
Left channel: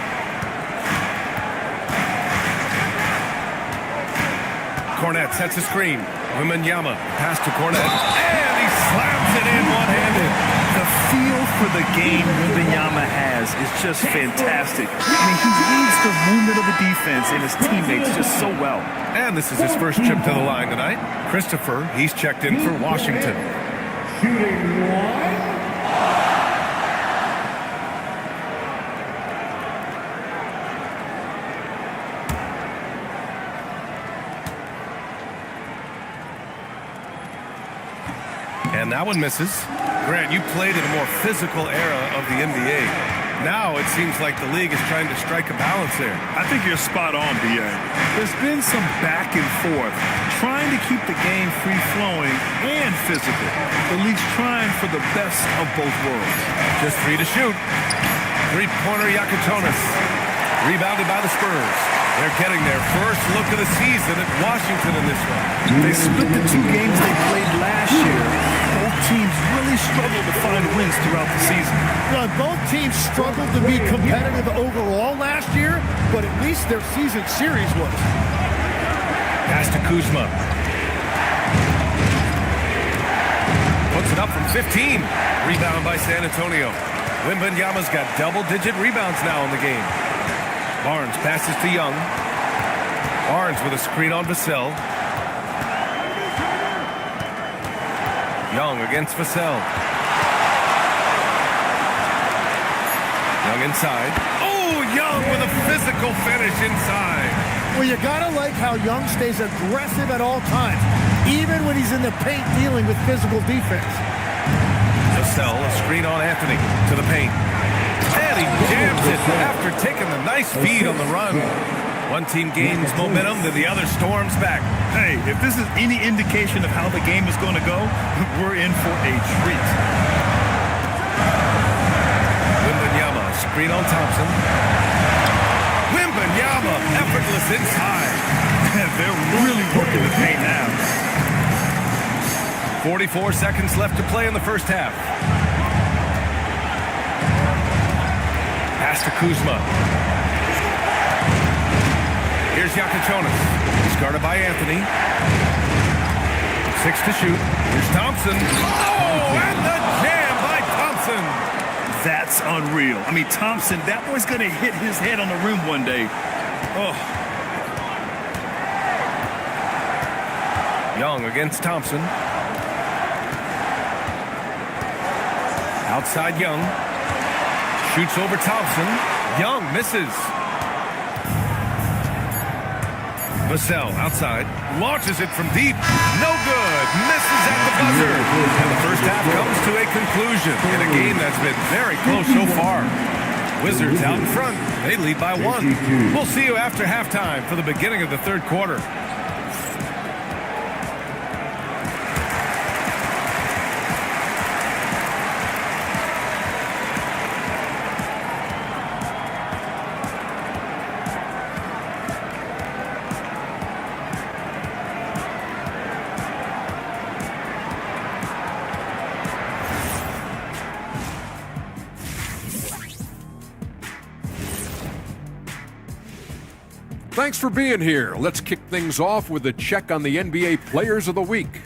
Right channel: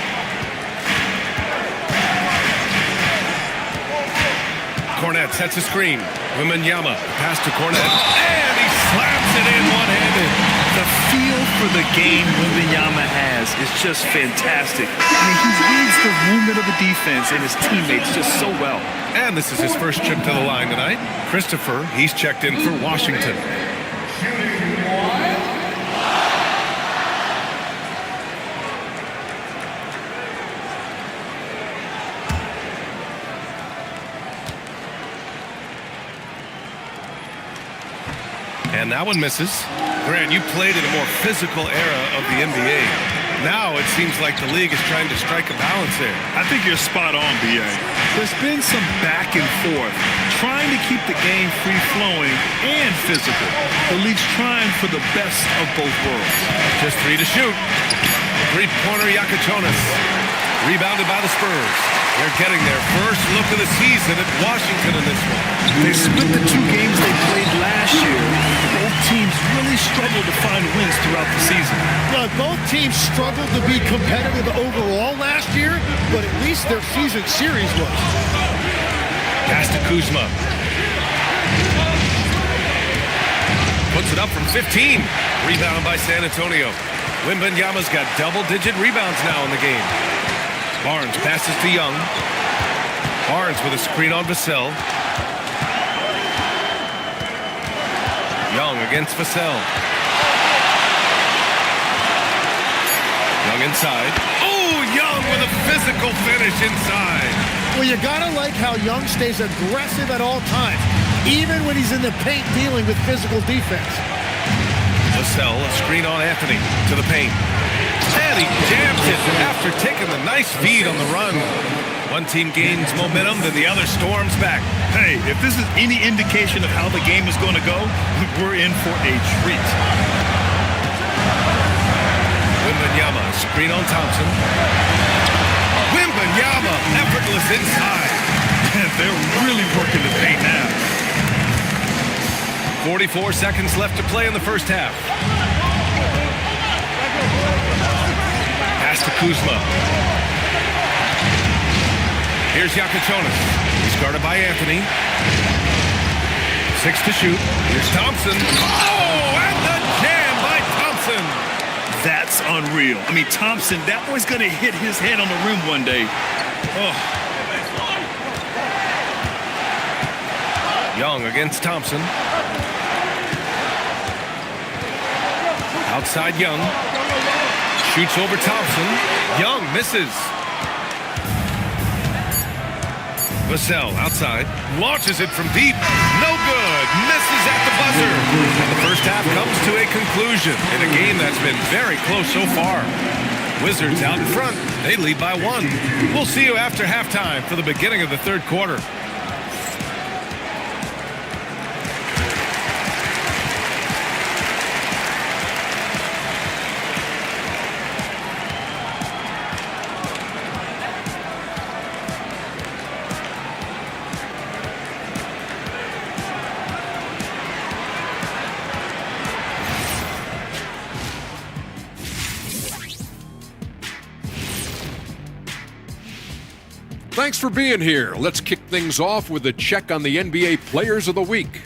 Cornette sets a screen. Wembanyama. Pass to Cornette. And he slams it in one-handed. The feel for the game Wembanyama has is just fantastic. I mean, he reads the movement of the defense and his teammates just so well. And this is his first trip to the line tonight. Christopher, he's checked in for Washington. And that one misses. Grant, you played in a more physical era of the NBA. Now it seems like the league is trying to strike a balance there. I think you're spot on, B.A. There's been some back and forth, trying to keep the game free-flowing and physical. The league's trying for the best of both worlds. Just 3 to shoot. Three-pointer Yakachonis. Rebounded by the Spurs. They're getting their first look of the season at Washington in this one. They split the 2 games they played last year. Both teams really struggled to find wins throughout the season. Well, both teams struggled to be competitive overall last year, but at least their season series was. Pass to Kuzma. Puts it up from 15. Rebound by San Antonio. Wembanyama's got double-digit rebounds now in the game. Barnes passes to Young. Barnes with a screen on Vassell. Young against Vassell. Young inside. Oh, Young with a physical finish inside. Well, you gotta like how Young stays aggressive at all times, even when he's in the paint dealing with physical defense. Vassell, a screen on Anthony to the paint. And he jams it after taking the nice feed on the run. One team gains momentum, then the other storms back. Hey, if this is any indication of how the game is going to go, we're in for a treat. Wembanyama, screen on Thompson. Wembanyama, effortless inside. They're really working the paint now. 44 seconds left to play in the first half. Pass to Kuzma. Here's Yakuchonis. He's guarded by Anthony. 6 to shoot. Here's Thompson. Oh, and the jam by Thompson. That's unreal. I mean, Thompson, that boy's going to hit his head on the rim one day. Oh. Young against Thompson. Outside Young. Shoots over Thompson. Young misses. Vassell outside. Launches it from deep. No good. Misses at the buzzer. And the first half comes to a conclusion in a game that's been very close so far. Wizards out in front. They lead by 1. We'll see you after halftime for the beginning of the third quarter. Thanks for being here. Let's kick things off with a check on the NBA Players of the Week.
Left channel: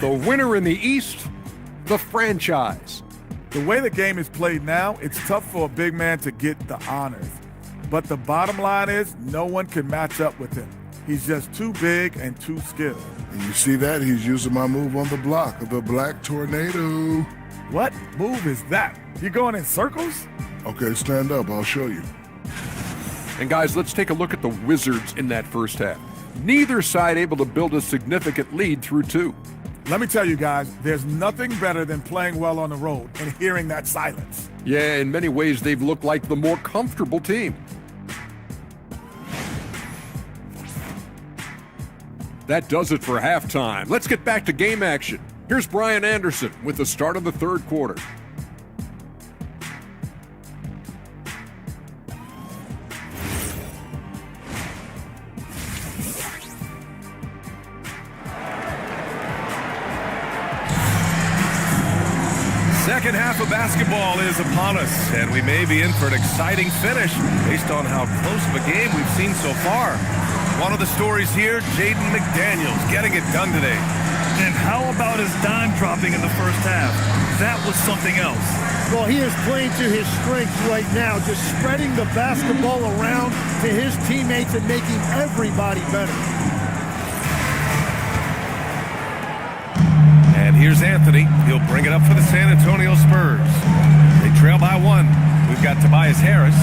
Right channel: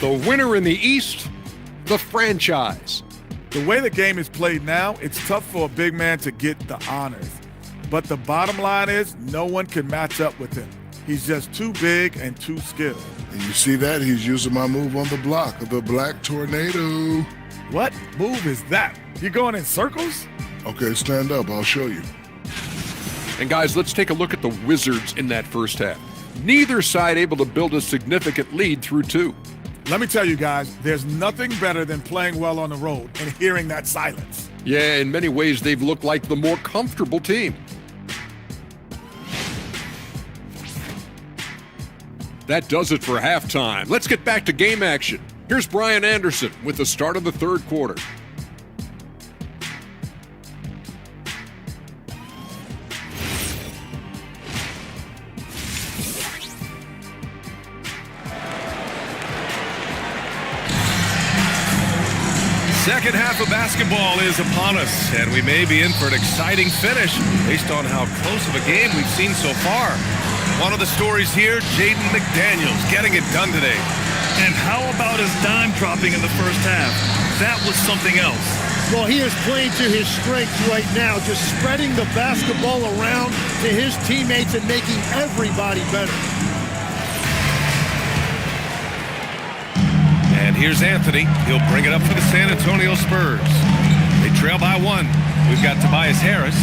The winner in the East, the franchise. The way the game is played now, it's tough for a big man to get the honors. But the bottom line is no one can match up with him. He's just too big and too skilled. And you see that? He's using my move on the block, the Black Tornado. What move is that? You going in circles? Okay, stand up. I'll show you. And guys, let's take a look at the Wizards in that first half. Neither side able to build a significant lead through 2. Let me tell you guys, there's nothing better than playing well on the road and hearing that silence. Yeah, in many ways, they've looked like the more comfortable team. That does it for halftime. Let's get back to game action. Here's Brian Anderson with the start of the third quarter. Second half of basketball is upon us, and we may be in for an exciting finish based on how close of a game we've seen so far. One of the stories here, Jaden McDaniels getting it done today. And how about his dime dropping in the first half? That was something else. Well, he is playing to his strengths right now, just spreading the basketball around to his teammates and making everybody better. And here's Anthony. He'll bring it up for the San Antonio Spurs. They trail by 1. We've got Tobias Harris.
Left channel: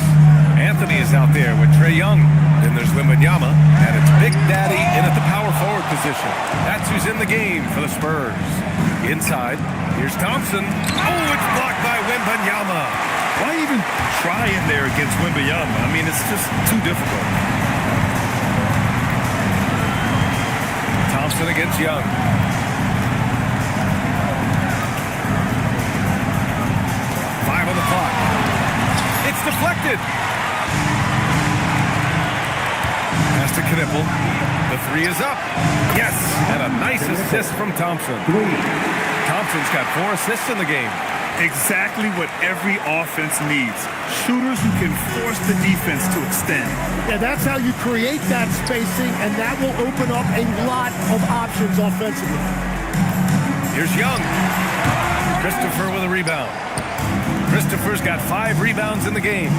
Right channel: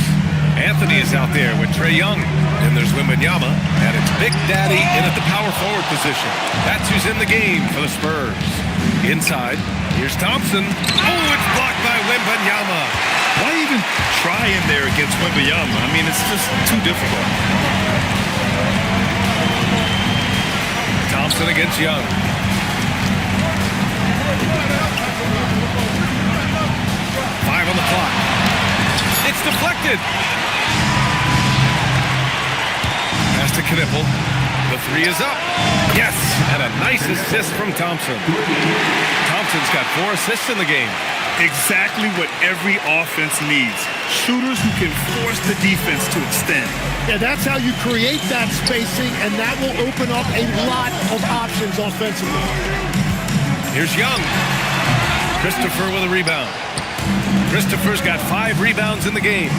Anthony is out there with Trae Young. Then there's Wembanyama. And it's Big Daddy in at the power forward position. That's who's in the game for the Spurs. Inside, here's Thompson. Oh, it's blocked by Wembanyama. Why even try in there against Wembanyama? I mean, it's just too difficult. Thompson against Young. On the clock. It's deflected. Pass to Knipple. The 3 is up. Yes, and a nice assist from Thompson. Thompson's got 4 assists in the game. Exactly what every offense needs. Shooters who can force the defense to extend. Yeah, that's how you create that spacing, and that will open up a lot of options offensively. Here's Young. Christopher with a rebound. Christopher's got 5 rebounds in the game.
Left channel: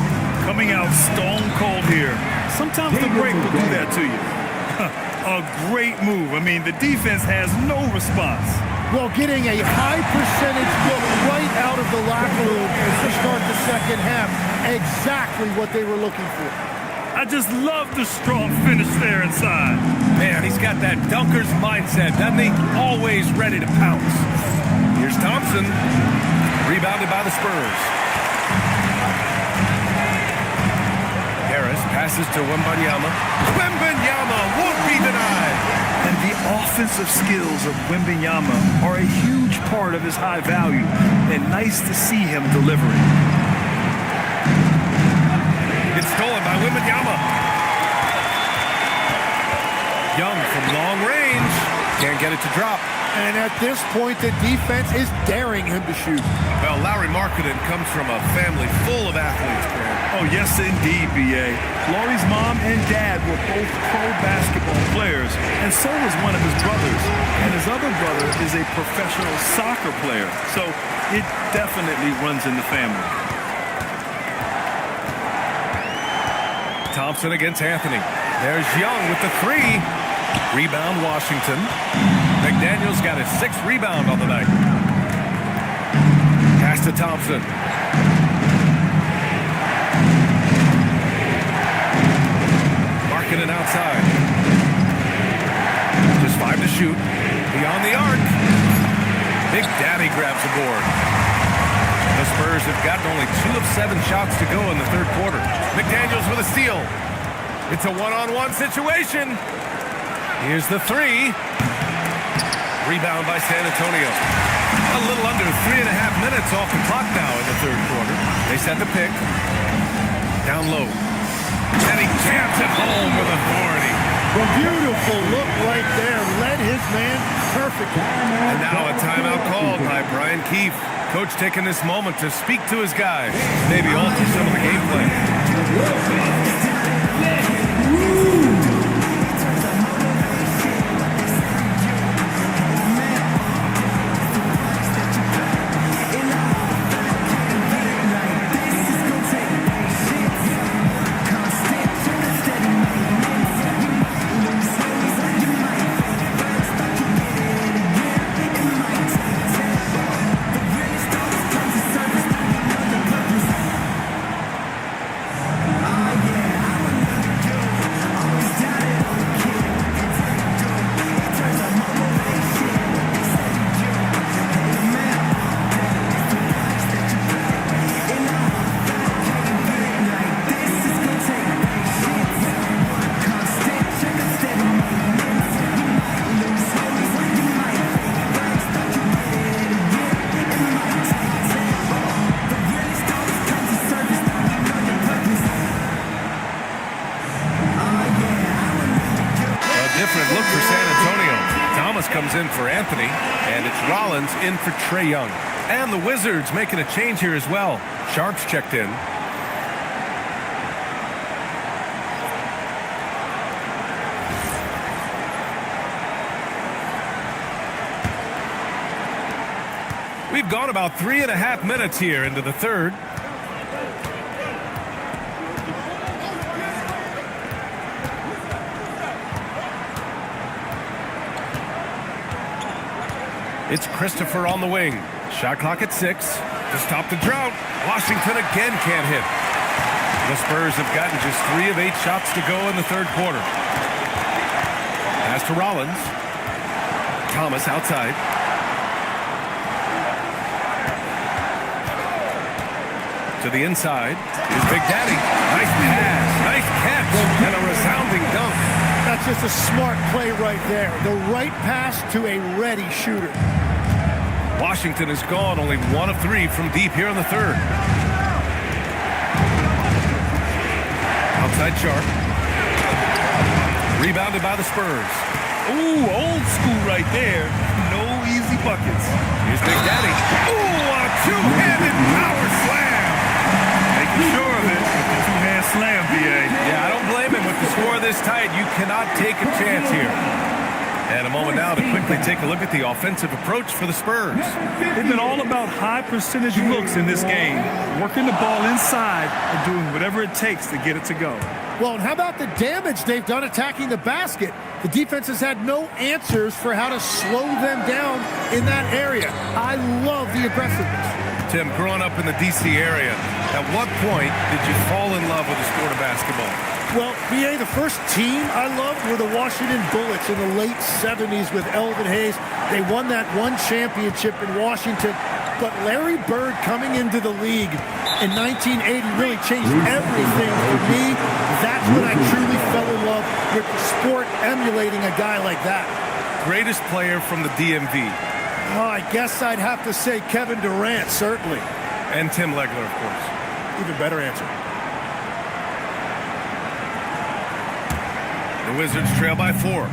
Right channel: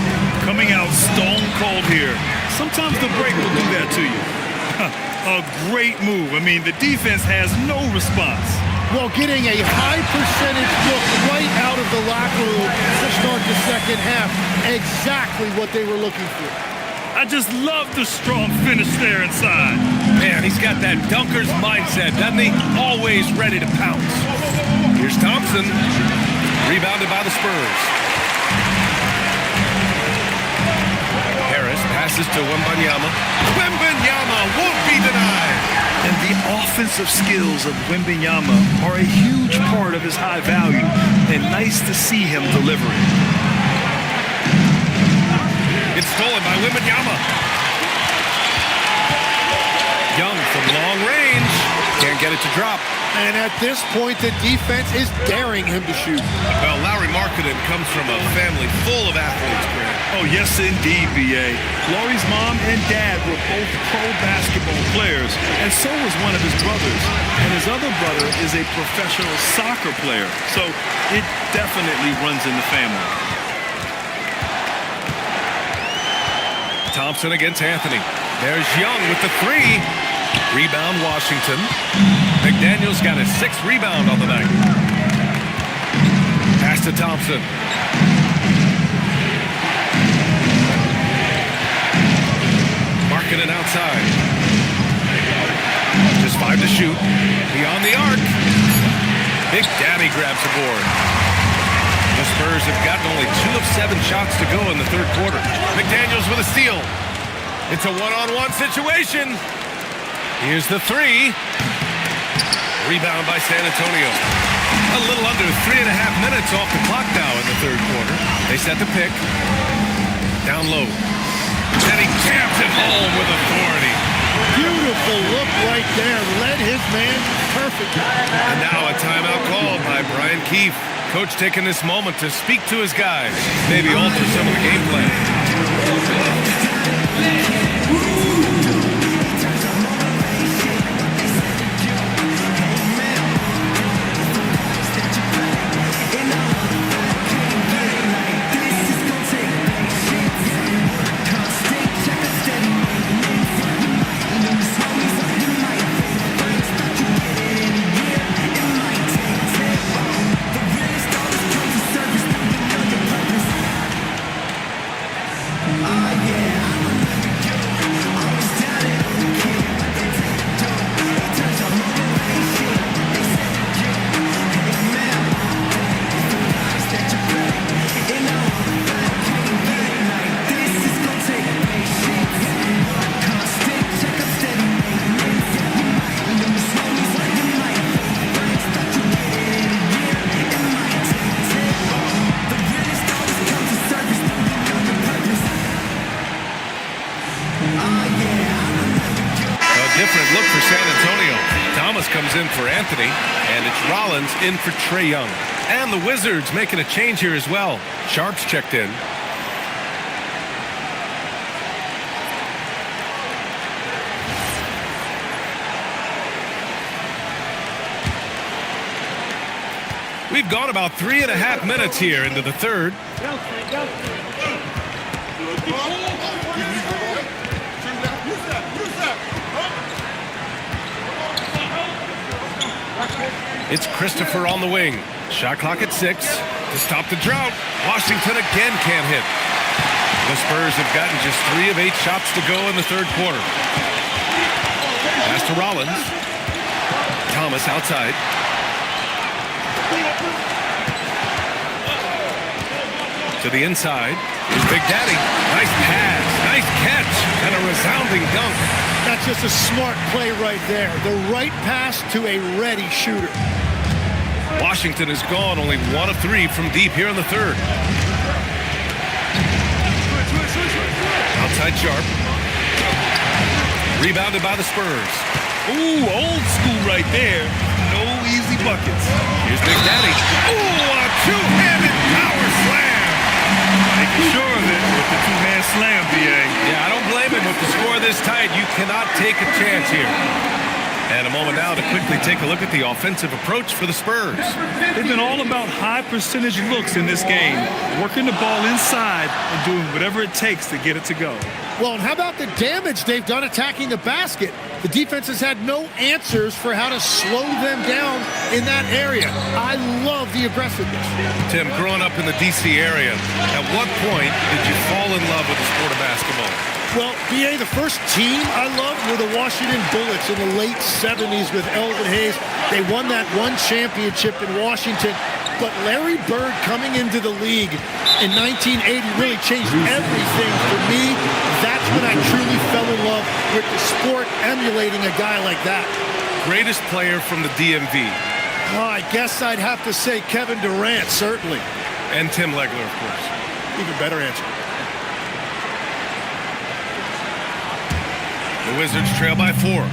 Coming out stone cold here. Sometimes the break will do that to you. A great move. I mean, the defense has no response. Well, getting a high percentage look right out of the locker room to start the second half. Exactly what they were looking for. I just love the strong finish there inside. Man, he's got that dunker's mindset, doesn't he? Always ready to pounce. Here's Thompson. Rebounded by the Spurs. Harris passes to Wembanyama. Wembanyama won't be denied. And the offensive skills of Wembanyama are a huge part of his high value. And nice to see him delivering. It's stolen by Wembanyama. Young from long range. Can't get it to drop. And at this point, the defense is daring him to shoot. Well, Lauri Markkanen comes from a family full of athletes, Grant. Oh, yes, indeed, B.A. Lauri's mom and dad were both pro basketball players, and so was one of his brothers. And his other brother is a professional soccer player, so it definitely runs in the family. Thompson against Anthony. There's Young with the 3. Rebound, Washington. McDaniel's got his 6th rebound on the night. Pass to Thompson. Markkanen outside. Just 5 to shoot. Beyond the arc. Big Daddy grabs a board. The Spurs have gotten only 2 of 7 shots to go in the third quarter. McDaniel's with a steal. It's a one-on-one situation. Here's the 3. Rebound by San Antonio. A little under 3.5 minutes off the clock now in the third quarter. They set the pick. Down low. And he jams it home with authority. Beautiful look right there. Led his man perfectly. And now a timeout called by Brian Keefe. Coach taking this moment to speak to his guys. Maybe alter some of the game plan. Different look for San Antonio. Thomas comes in for Anthony, and it's Rollins in for Trae Young. And the Wizards making a change here as well. Sharp's checked in. We've gone about 3.5 minutes here into the third. It's Christopher on the wing. Shot clock at 6 to stop the drought. Washington again can't hit. The Spurs have gotten just 3 of 8 shots to go in the third quarter. Pass to Rollins. Thomas outside. To the inside. Here's Big Daddy. Nice pass. Nice catch. And a resounding dunk. That's just a smart play right there. The right pass to a ready shooter. Washington is gone, only 1 of 3 from deep here in the third. Outside Sharp. Rebounded by the Spurs. Ooh, old school right there. No easy buckets. Here's Big Daddy. Ooh, a two-handed power slam. Making sure of it with the two-hand slam, B.A. Yeah, I don't blame him. With the score this tight, you cannot take a chance here. And a moment now to quickly take a look at the offensive approach for the Spurs. They've been all about high percentage looks in this game, working the ball inside and doing whatever it takes to get it to go. Well, and how about the damage they've done attacking the basket? The defense has had no answers for how to slow them down in that area. I love the aggressiveness. Tim, growing up in the D.C. area, at what point did you fall in love with the sport of basketball? Well, B.A., the first team I loved were the Washington Bullets in the late 70s with Elvin Hayes. They won that one championship in Washington. But Larry Bird coming into the league in 1980 really changed everything for me. That's when I truly fell in love with the sport, emulating a guy like that. Greatest player from the DMV. Oh, I guess I'd have to say Kevin Durant, certainly. And Tim Legler, of course. Even better answer. The Wizards trail by 4.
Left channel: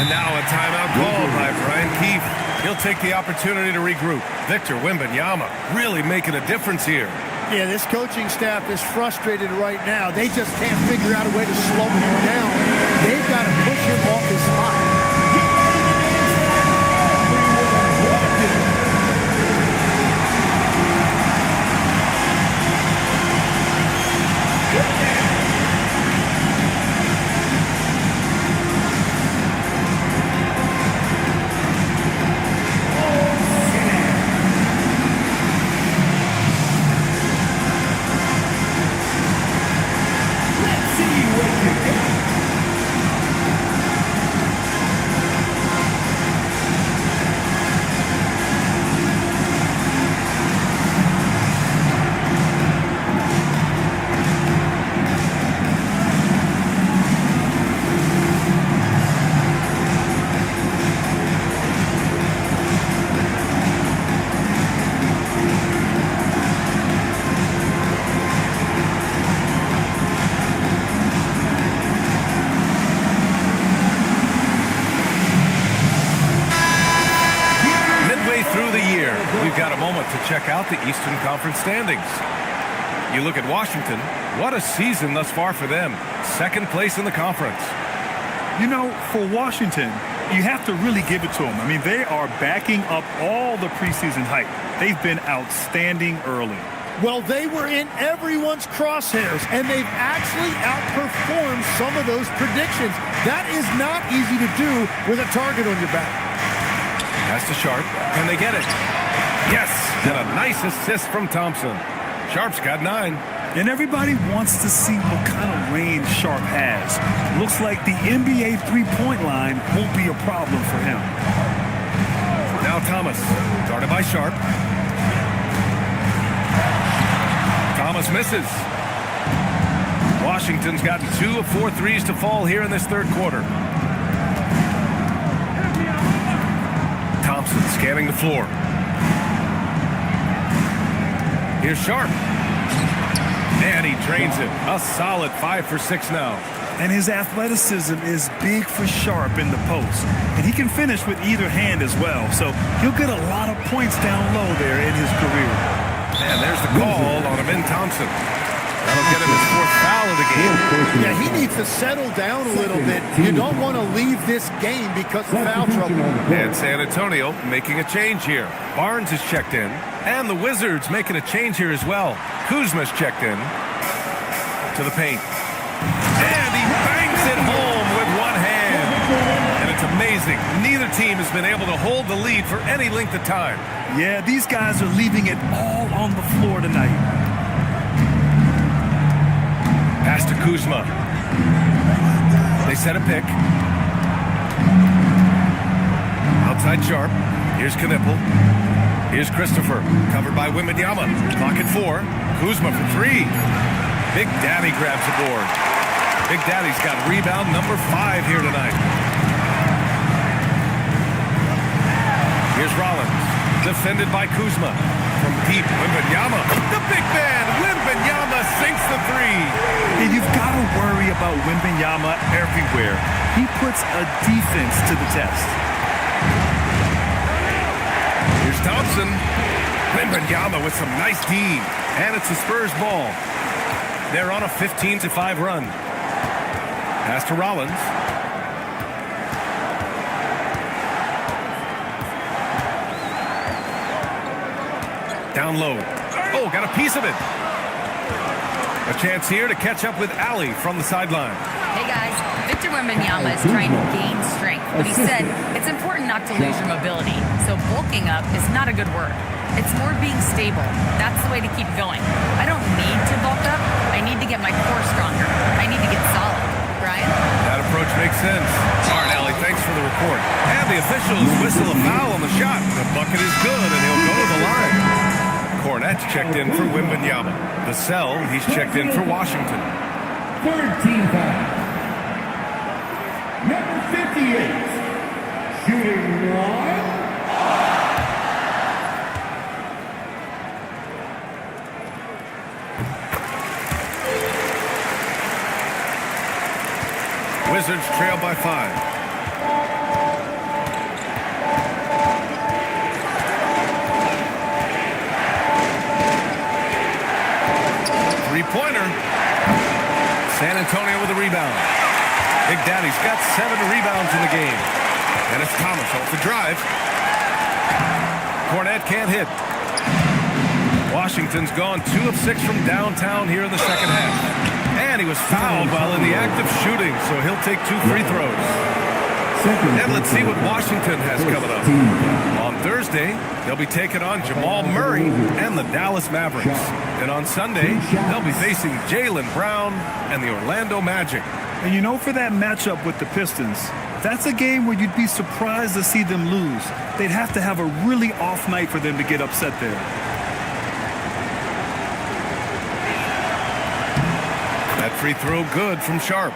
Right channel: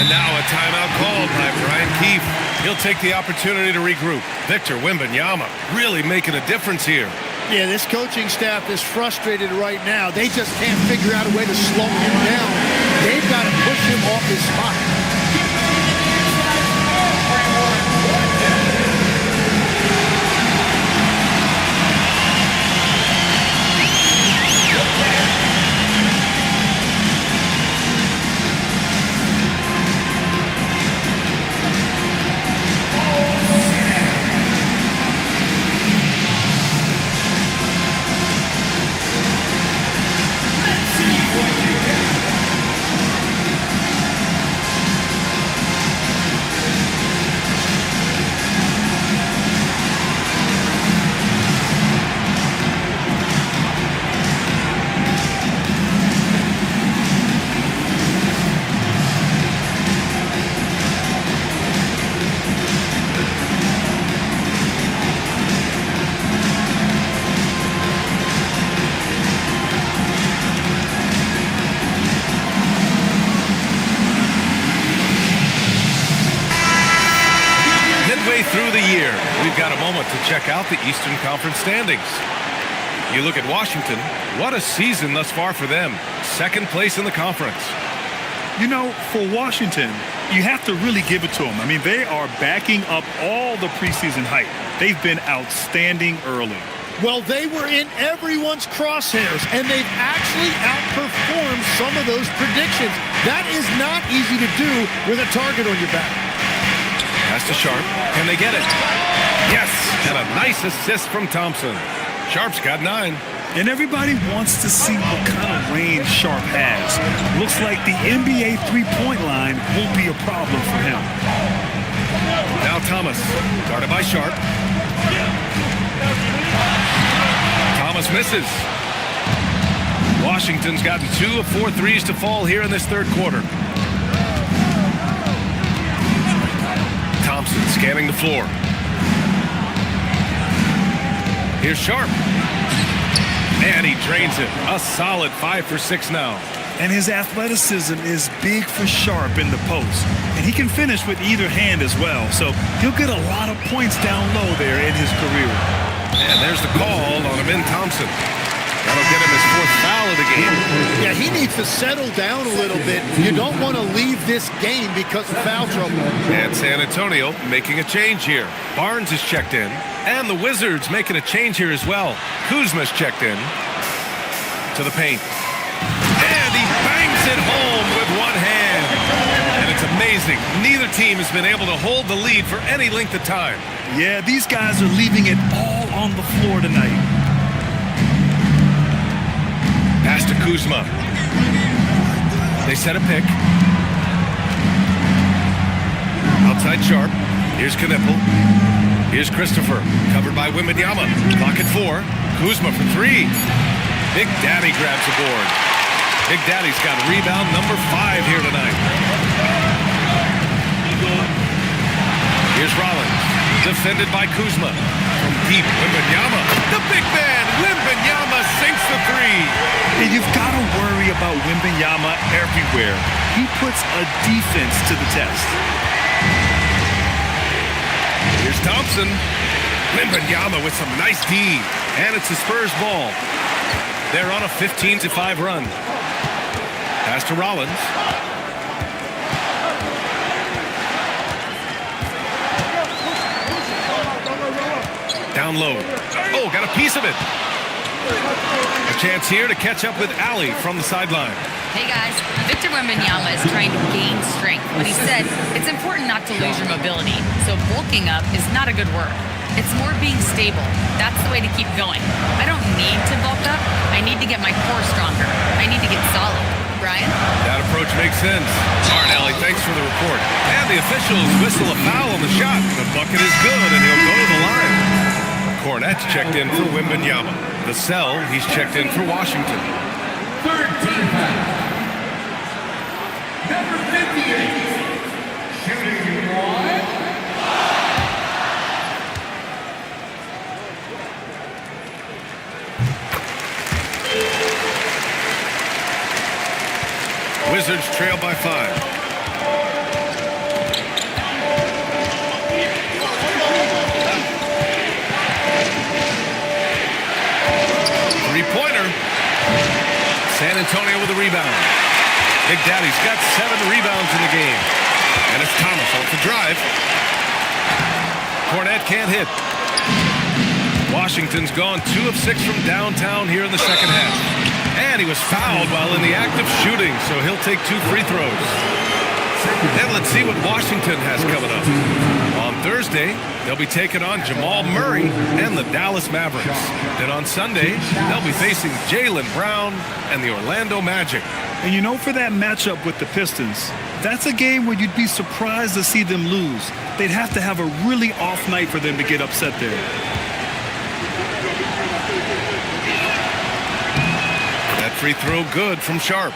And now a timeout called by Brian Keefe. He'll take the opportunity to regroup. Victor Wembanyama really making a difference here. Yeah, this coaching staff is frustrated right now. They just can't figure out a way to slow him down. They've got to push him off his spot. Through the year, we've got a moment to check out the Eastern Conference standings. You look at Washington, what a season thus far for them. Second place in the conference. You know, for Washington, you have to really give it to them. I mean, they are backing up all the preseason hype. They've been outstanding early. Well, they were in everyone's crosshairs, and they've actually outperformed some of those predictions. That is not easy to do with a target on your back. Pass to Sharp. Can they get it? Yes, and a nice assist from Thompson. Sharp's got 9. And everybody wants to see what kind of range Sharp has. Looks like the NBA three-point line won't be a problem for him. Now Thomas, guarded by Sharp. Thomas misses. Washington's gotten 2 of 4 threes to fall here in this third quarter. Thompson scanning the floor. Here's Sharp. And he drains it. A solid 5 for 6 now. And his athleticism is big for Sharp in the post. And he can finish with either hand as well. So he'll get a lot of points down low there in his career. And there's the call on Amin Thompson. That'll get him his 4th foul of the game. Yeah, he needs to settle down a little bit. You don't want to leave this game because of foul trouble. And San Antonio making a change here. Barnes is checked in. And the Wizards making a change here as well. Kuzma's checked in to the paint. And he bangs it home with one hand. And it's amazing. Neither team has been able to hold the lead for any length of time. Yeah, these guys are leaving it all on the floor tonight. Pass to Kuzma. They set a pick. Outside Sharp. Here's Knipple. Here's Christopher. Covered by Wembanyama. Clock at 4. Kuzma for 3. Big Daddy grabs the board. Big Daddy's got rebound number 5 here tonight. Here's Rollins. Defended by Kuzma. From deep, Wembanyama. The big man, Wembanyama sinks the 3. And you've got to worry about Wembanyama everywhere. He puts a defense to the test. Here's Thompson. Wembanyama with some nice D. And it's the Spurs ball. They're on a 15-5 run. Pass to Rollins. Down low. Oh, got a piece of it. A chance here to catch up with Allie from the sideline. Hey guys, Victor Wembanyama is trying to gain strength, but he said it's important not to lose your mobility. So bulking up is not a good word. It's more being stable. That's the way to keep going. I don't need to bulk up. I need to get my core stronger. I need to get solid. Brian? That approach makes sense. All right, Allie, thanks for the report. And the officials whistle a foul on the shot. The bucket is good, and he'll go to the line. Cornette's checked in for Wembanyama. Vassell, he's checked in for Washington. Third team foul. Number 58. Shooting one. Wizards trail by 5. Three-pointer. San Antonio with a rebound. Big Daddy's got 7 rebounds in the game. And it's Thomas off the drive. Cornette can't hit. Washington's gone 2 of 6 from downtown here in the second half. And he was fouled while in the act of shooting, so he'll take 2 free throws. Then let's see what Washington has coming up. On Thursday, they'll be taking on Jamal Murray and the Dallas Mavericks. Then on Sunday, they'll be facing Jaylen Brown and the Orlando Magic. And you know, for that matchup with the Pistons, that's a game where you'd be surprised to see them lose. They'd have to have a really off night for them to get upset there. That free throw good from Sharp.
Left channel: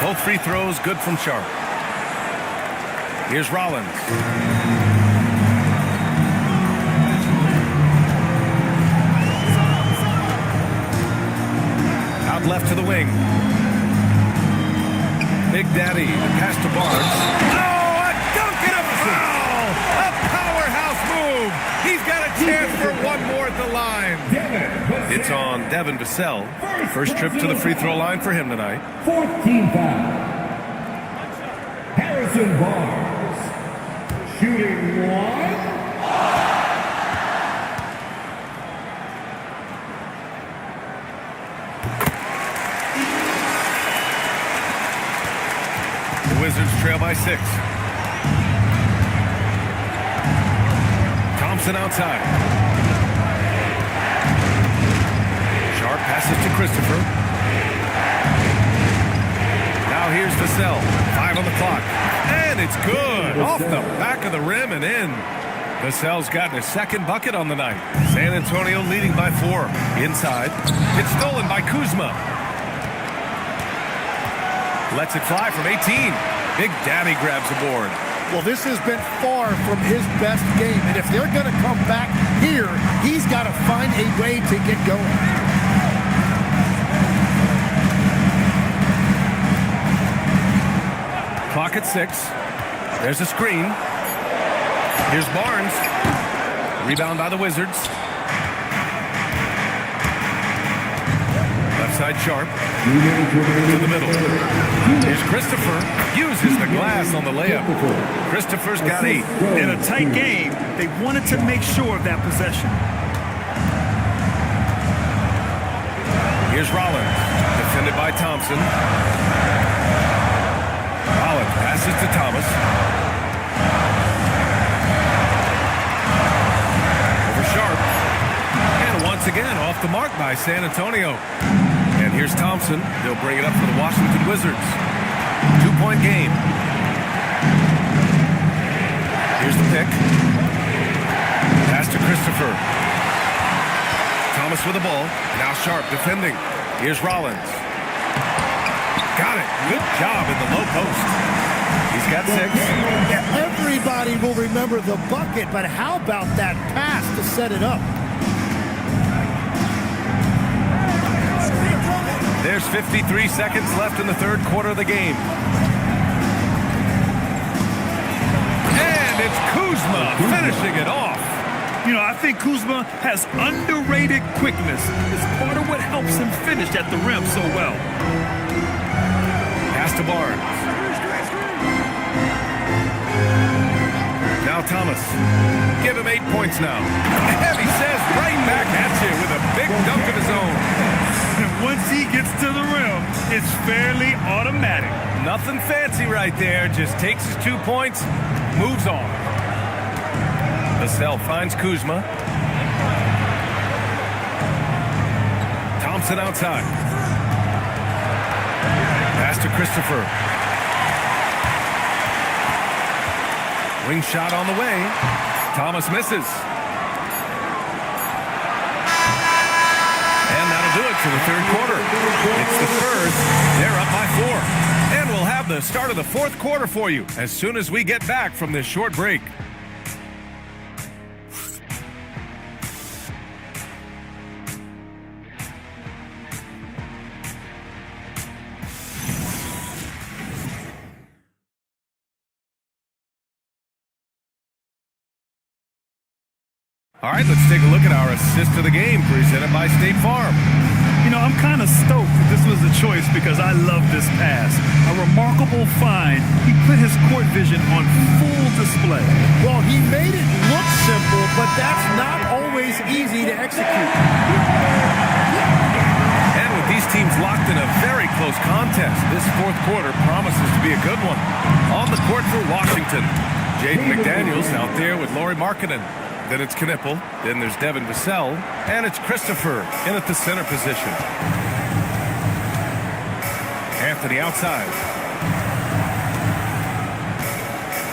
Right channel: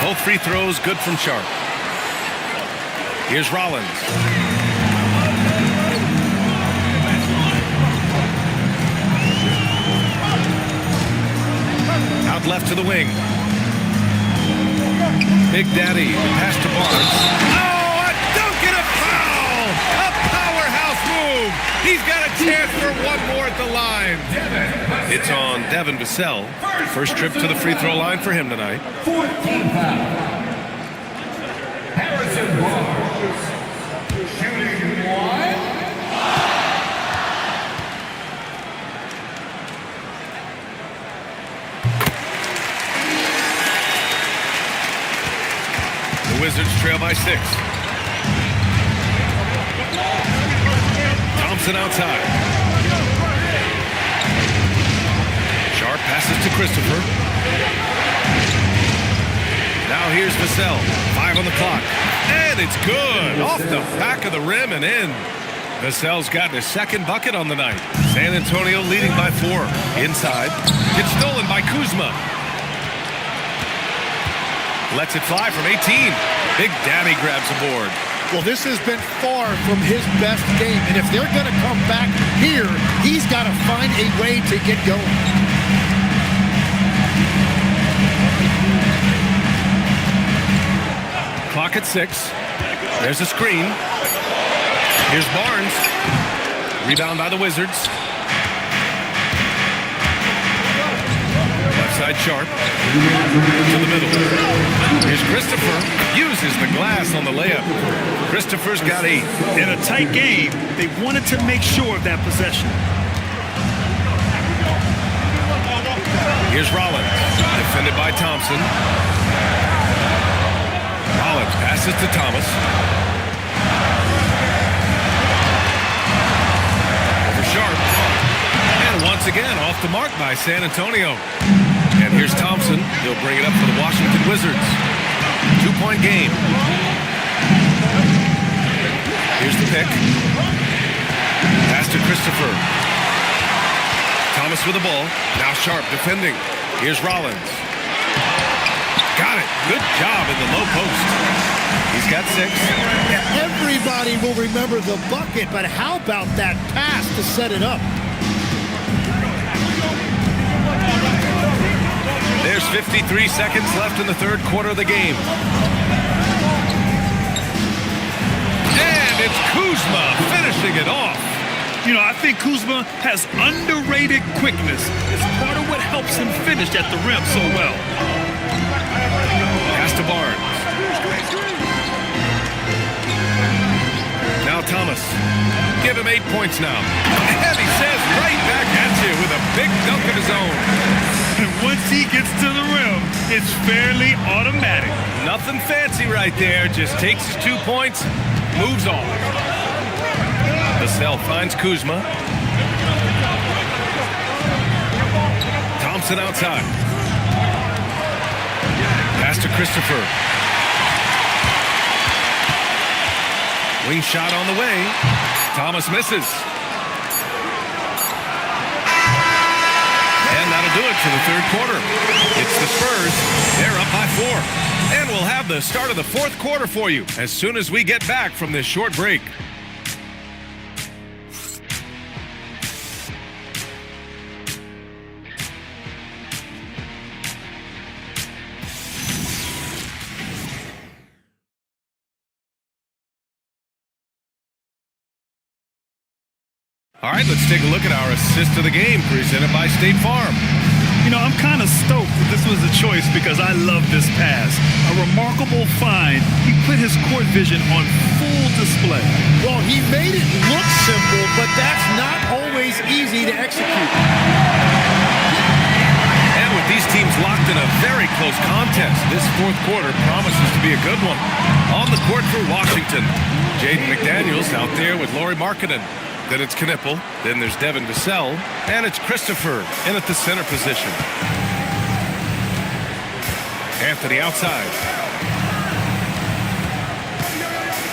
Both free throws good from Sharp. Here's Rollins. Out left to the wing. Big Daddy, the pass to Barnes. Oh, a dunk and a foul! A powerhouse move! He's got a chance for one more at the line. It's on Devin Vassell. First trip to the free throw line for him tonight. Fourth team foul. Harrison Barnes. Shooting one. The Wizards trail by 6. Thompson outside. Sharp passes to Christopher. Now here's Vassell. 5 on the clock. And it's good. Off the back of the rim and in. Vassell's gotten his second bucket on the night. San Antonio leading by 4. Inside. It's stolen by Kuzma. Lets it fly from 18. Big Daddy grabs a board. Well, this has been far from his best game. And if they're going to come back here, he's got to find a way to get going. Clock at 6. There's a screen. Here's Barnes. Rebound by the Wizards. Left side Sharp. To the middle. Here's Christopher. Uses the glass on the layup. Christopher's got 8. In a tight game, they wanted to make sure of that possession. Here's Rollins. Defended by Thompson. Rollins passes to Thomas. Over Sharp. And once again off the mark by San Antonio. And here's Thompson. He'll bring it up for the Washington Wizards. 2-point game. Here's the pick. Pass to Christopher. Thomas with the ball. Now Sharp defending. Here's Rollins. Got it. Good job in the low post. He's got 6. Yeah, everybody will remember the bucket, but how about that pass to set it up? There's 53 seconds left in the third quarter of the game. And it's Kuzma finishing it off. You know, I think Kuzma has underrated quickness. It's part of what helps him finish at the rim so well. Pass to Barnes. Now Thomas. Give him 8 points now. And he says right back at you with a big dunk of his own. And once he gets to the rim, it's fairly automatic. Nothing fancy right there. Just takes his 2 points, moves on. Vassell finds Kuzma. Thompson outside. Pass to Christopher. Wing shot on the way. Thomas misses. And that'll do it for the third quarter. It's the Spurs. They're up by 4. And we'll have the start of the fourth quarter for you as soon as we get back from this short break. All right, let's take a look at our assist of the game presented by State Farm. You know, I'm kind of stoked that this was a choice because I love this pass. A remarkable find. He put his court vision on full display. Well, he made it look simple, but that's not always easy to execute. And with these teams locked in a very close contest, this fourth quarter promises to be a good one. On the court for Washington, Jaden McDaniels out there with Lauri Markkanen. Then it's Knipple, then there's Devin Vassell, and it's Christopher in at the center position. Anthony outside.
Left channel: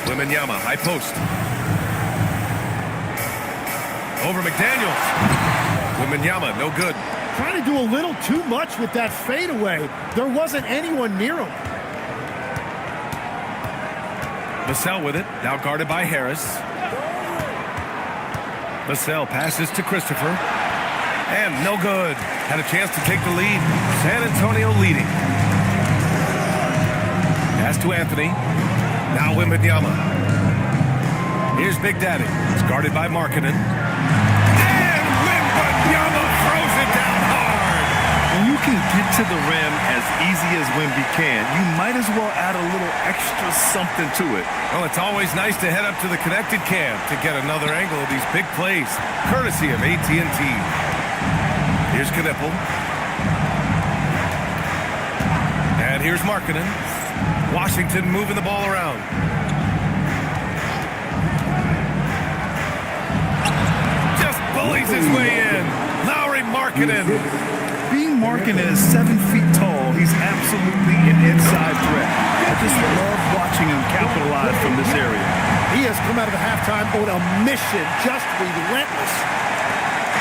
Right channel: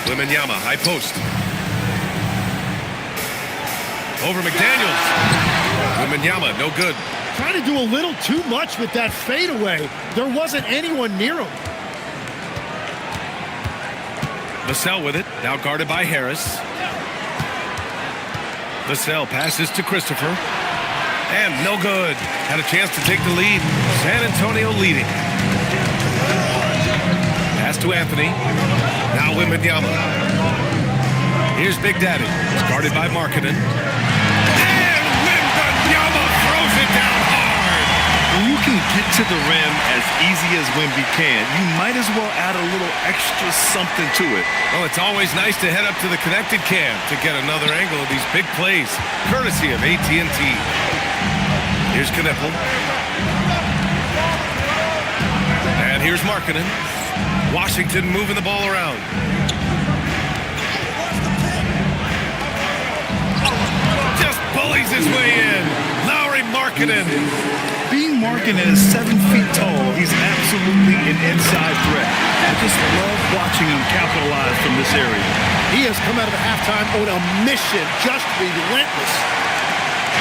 Wembanyama, high post. Over McDaniels. Wembanyama, no good. Trying to do a little too much with that fadeaway. There wasn't anyone near him. Vassell with it, now guarded by Harris. Vassell passes to Christopher. And no good. Had a chance to take the lead. San Antonio leading. Pass to Anthony. Now Wembanyama. Here's Big Daddy. It's guarded by Markkanen. And Wembanyama throws it down hard. When you can get to the rim as easy as Wemby can, you might as well add a little extra something to it. Well, it's always nice to head up to the connected cam to get another angle of these big plays, courtesy of AT&T. Here's Knipple. And here's Markkanen. Washington moving the ball around. Just bullies his way in. Lauri Markkanen. Being Markkanen is 7 feet tall, he's absolutely an inside threat. I just love watching him capitalize from this area. He has come out of the halftime on a mission, just relentless.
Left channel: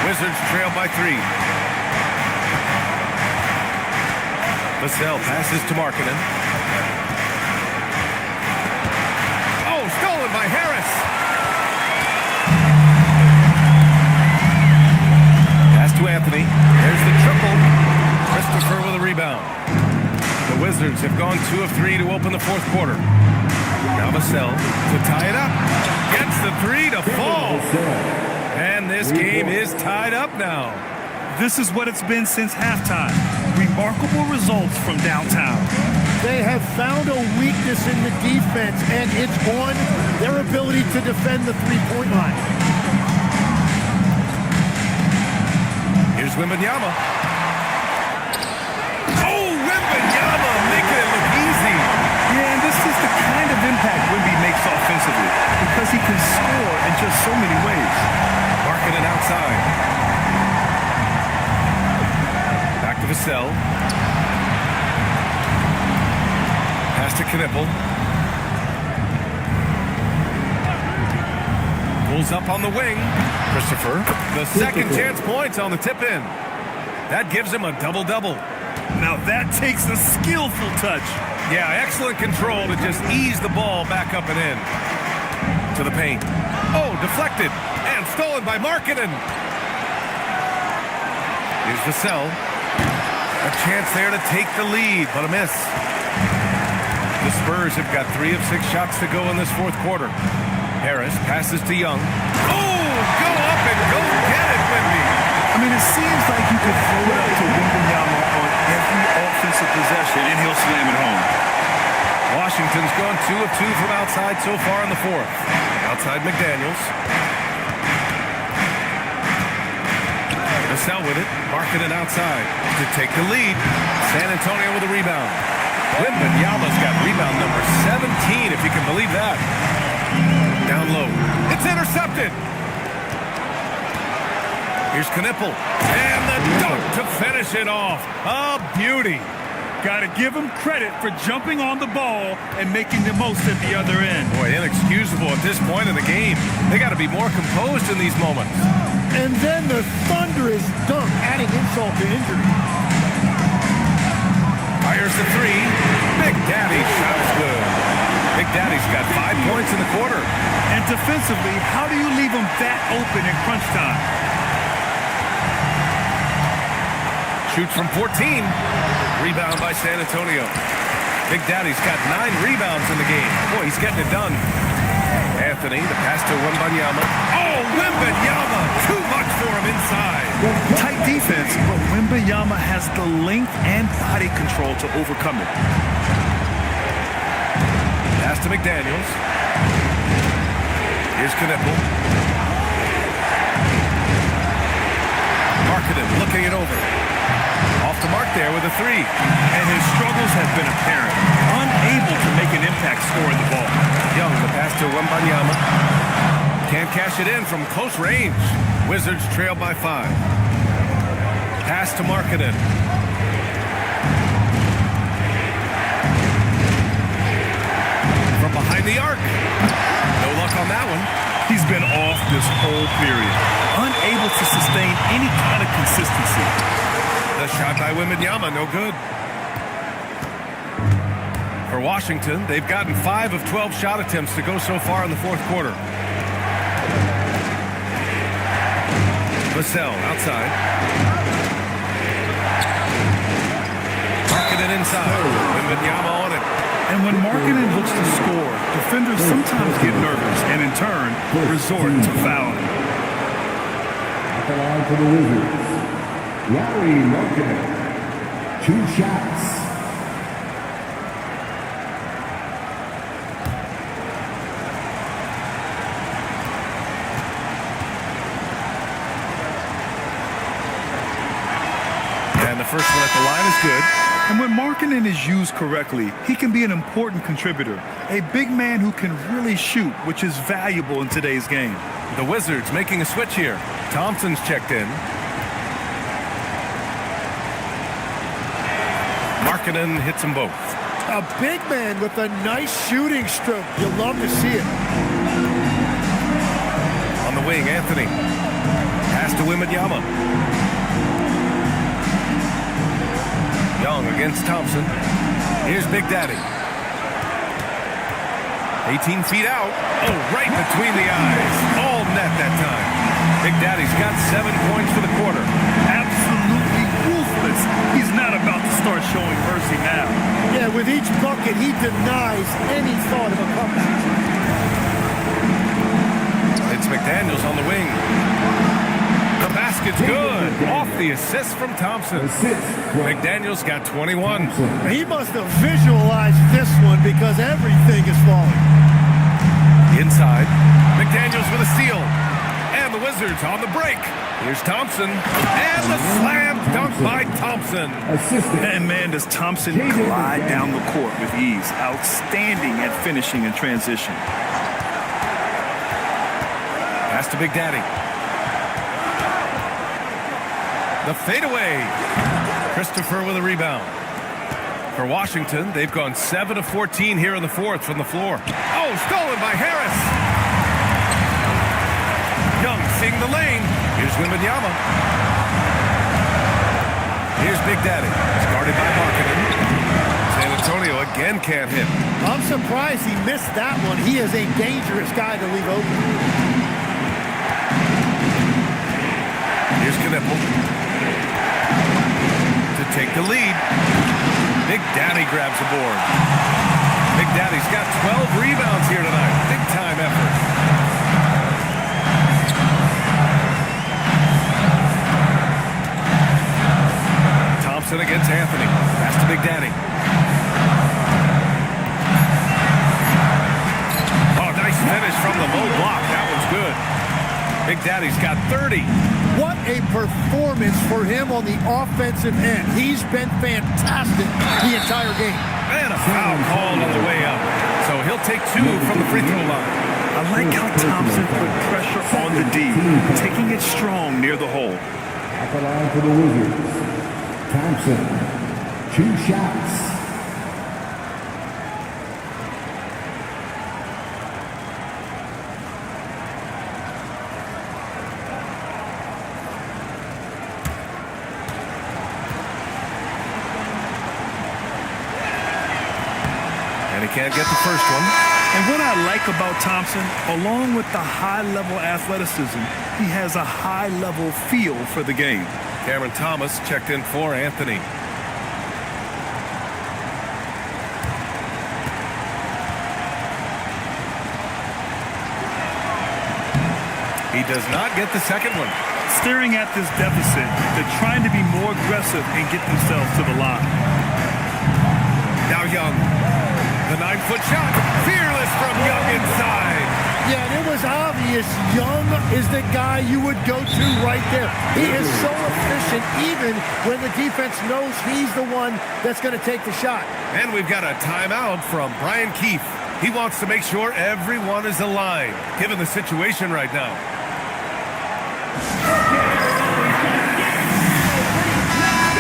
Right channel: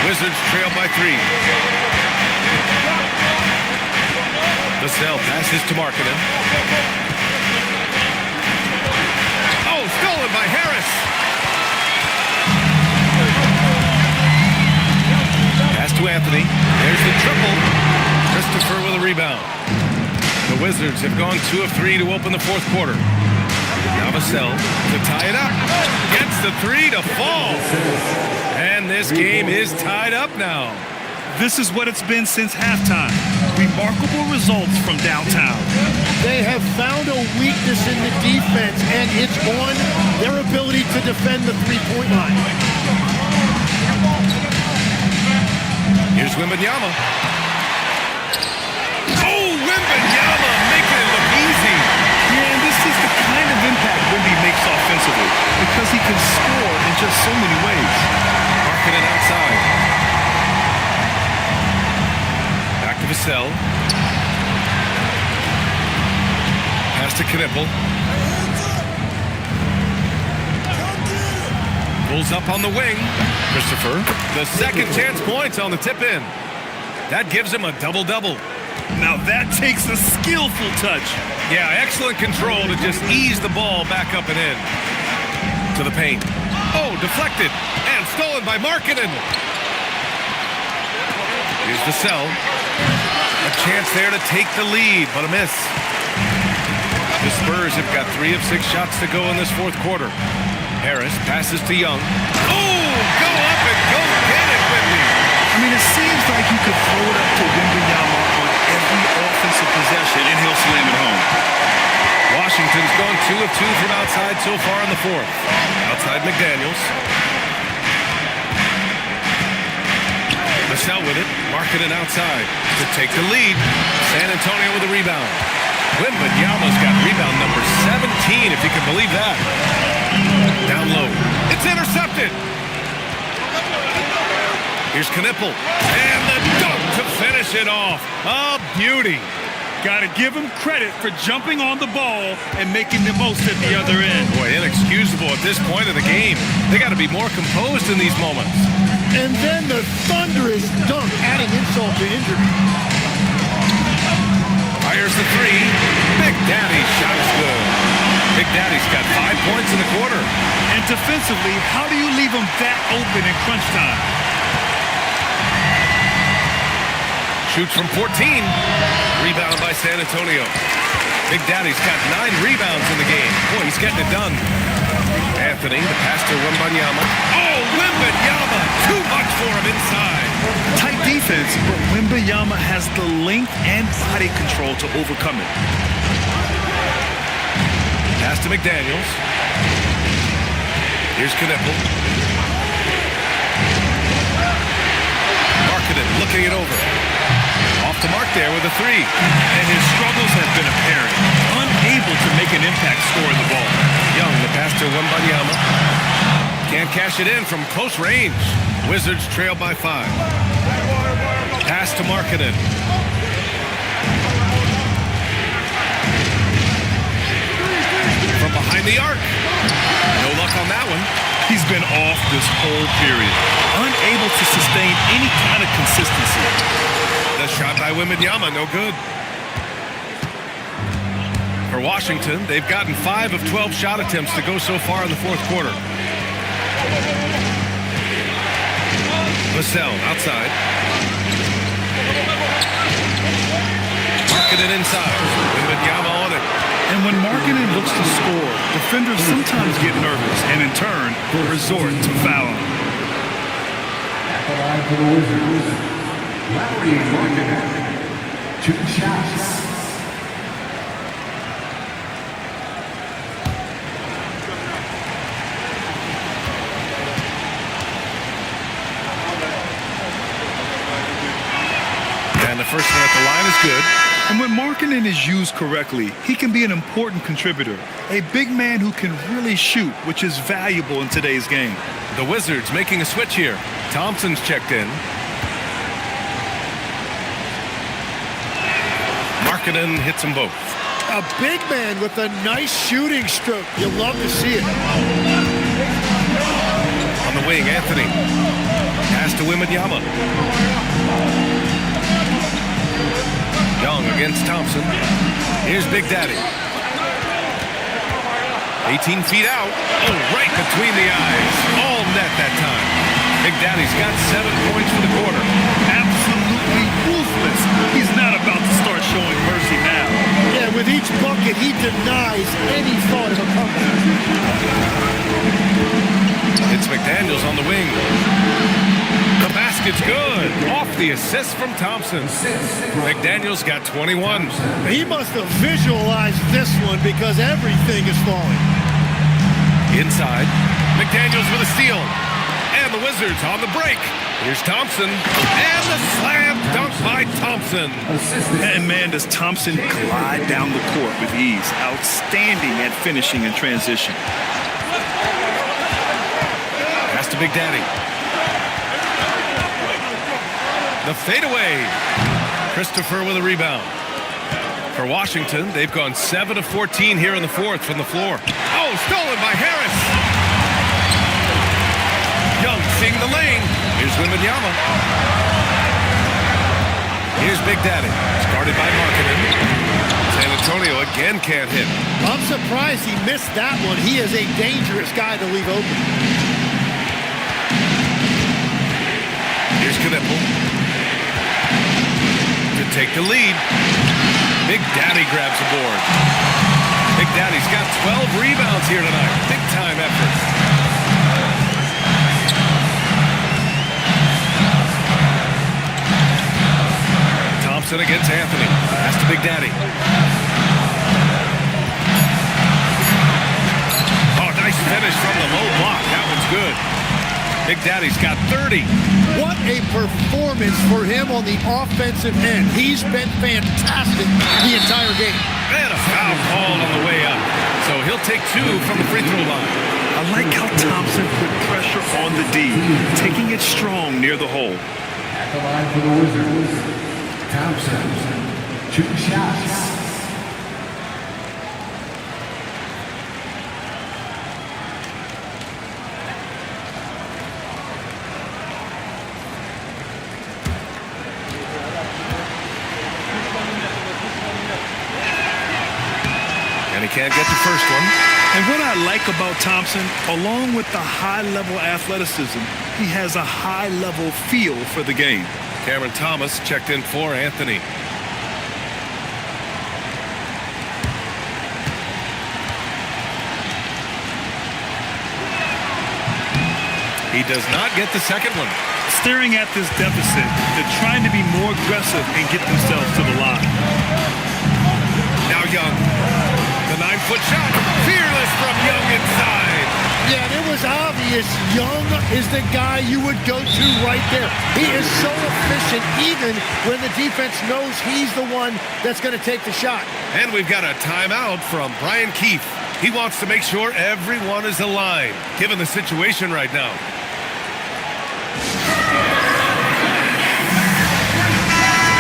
Wizards trail by 3. Vassell passes to Markkanen. Oh, stolen by Harris. Pass to Anthony. There's the triple. Christopher with a rebound. The Wizards have gone 2 of 3 to open the fourth quarter. Now Vassell to tie it up. Gets the 3 to fall. And this game is tied up now. This is what it's been since halftime. Remarkable results from downtown. They have found a weakness in the defense, and it's on their ability to defend the three-point line. Here's Wembanyama. Oh, Wembanyama making it look easy. Yeah, and this is the kind of impact Wemby makes offensively because he can score in just so many ways. Markkanen outside. Back to Vassell. Pass to Knipple. Pulls up on the wing. Christopher, the second chance points on the tip in. That gives him a double-double. Now that takes a skillful touch. Yeah, excellent control to just ease the ball back up and in. To the paint. Oh, deflected. And stolen by Markkanen. Here's Vassell. A chance there to take the lead, but a miss. The Spurs have got 3 of 6 shots to go in this fourth quarter. Harris passes to Young. Oh, go up and go get it, Wemby. I mean, it seems like you could throw it up to Wembanyama on every offensive possession, and he'll slam it home. Washington's gone 2 of 2 from outside so far in the fourth. Outside McDaniels. Vassell with it. Markkanen outside to take the lead. San Antonio with a rebound. Wembanyama's got rebound number 17, if you can believe that. Down low. It's intercepted. Here's Knipple. And the dunk to finish it off. A beauty. Got to give him credit for jumping on the ball and making the most at the other end. Boy, inexcusable at this point of the game. They got to be more composed in these moments. And then the thunderous dunk, adding insult to injury. Fires the 3. Big Daddy's shot is good. Big Daddy's got 5 points in the quarter. And defensively, how do you leave him that open in crunch time? Shoots from 14. Rebound by San Antonio. Big Daddy's got 9 rebounds in the game. Boy, he's getting it done. Anthony, the pass to Wembanyama. Oh, Wembanyama! Too much for him inside. Tight defense, but Wembanyama has the length and body control to overcome it. Pass to McDaniels. Here's Knipple. Markkanen looking it over. Off the mark there with a 3. And his struggles have been apparent. Unable to make an impact scoring the ball. Young, the pass to Wembanyama. Can't cash it in from close range. Wizards trail by 5. Pass to Markkanen. From behind the arc. No luck on that one. He's been off this whole period. Unable to sustain any kind of consistency. The shot by Wembanyama, no good. For Washington, they've gotten 5 of 12 shot attempts to go so far in the fourth quarter. Vassell outside. Markkanen inside. Wembanyama on it. And when Markkanen looks to score, defenders sometimes get nervous and in turn resort to fouling. At the line for the Wizards, Larry Markkanen, 2 shots. And the first one at the line is good. And when Markkanen is used correctly, he can be an important contributor. A big man who can really shoot, which is valuable in today's game. The Wizards making a switch here. Thompson's checked in. Markkanen hits them both. A big man with a nice shooting stroke. You'll love to see it. On the wing, Anthony. Pass to Wembanyama. Young against Thompson. Here's Big Daddy. 18 feet out. Oh, right between the eyes. All net that time. Big Daddy's got 7 points for the quarter. Absolutely ruthless. He's not about to start showing mercy now. Yeah, with each bucket, he denies any thought of a comeback. It's McDaniels on the wing. The basket's good. Off the assist from Thompson. McDaniels got 21. He must have visualized this one because everything is falling. Inside. McDaniels with a steal. And the Wizards on the break. Here's Thompson. And the slam dunk by Thompson. And man, does Thompson glide down the court with ease. Outstanding at finishing in transition. Pass to Big Daddy. The fadeaway. Christopher with a rebound. For Washington, they've gone 7 of 14 here in the fourth from the floor. Oh, stolen by Harris. Young seeing the lane. Here's Wembanyama. Here's Big Daddy. It's guarded by Markkanen. San Antonio again can't hit. I'm surprised he missed that one. He is a dangerous guy to leave open. Here's Knippel to take the lead. Big Daddy grabs the board. Big Daddy's got 12 rebounds here tonight. Big time effort. Thompson against Anthony. Pass to Big Daddy. Oh, nice finish from the low block. That one's good. Big Daddy's got 30. What a performance for him on the offensive end. He's been fantastic the entire game. And a foul called on the way up. So he'll take 2 from the free throw line. I like how Thompson put pressure on the D, taking it strong near the hole. At the line for the Wizards, Thompson, 2 shots. And he can't get the first one. And what I like about Thompson, along with the high-level athleticism, he has a high-level feel for the game. Cameron Thomas checked in for Anthony. He does not get the second one. Staring at this deficit, they're trying to be more aggressive and get themselves to the line. Now Young. The 9-foot shot. Fearless from Young inside. Yeah, and it was obvious Young is the guy you would go to right there. He is so efficient even when the defense knows he's the one that's going to take the shot. And we've got a timeout from Brian Keefe. He wants to make sure everyone is aligned, given the situation right now.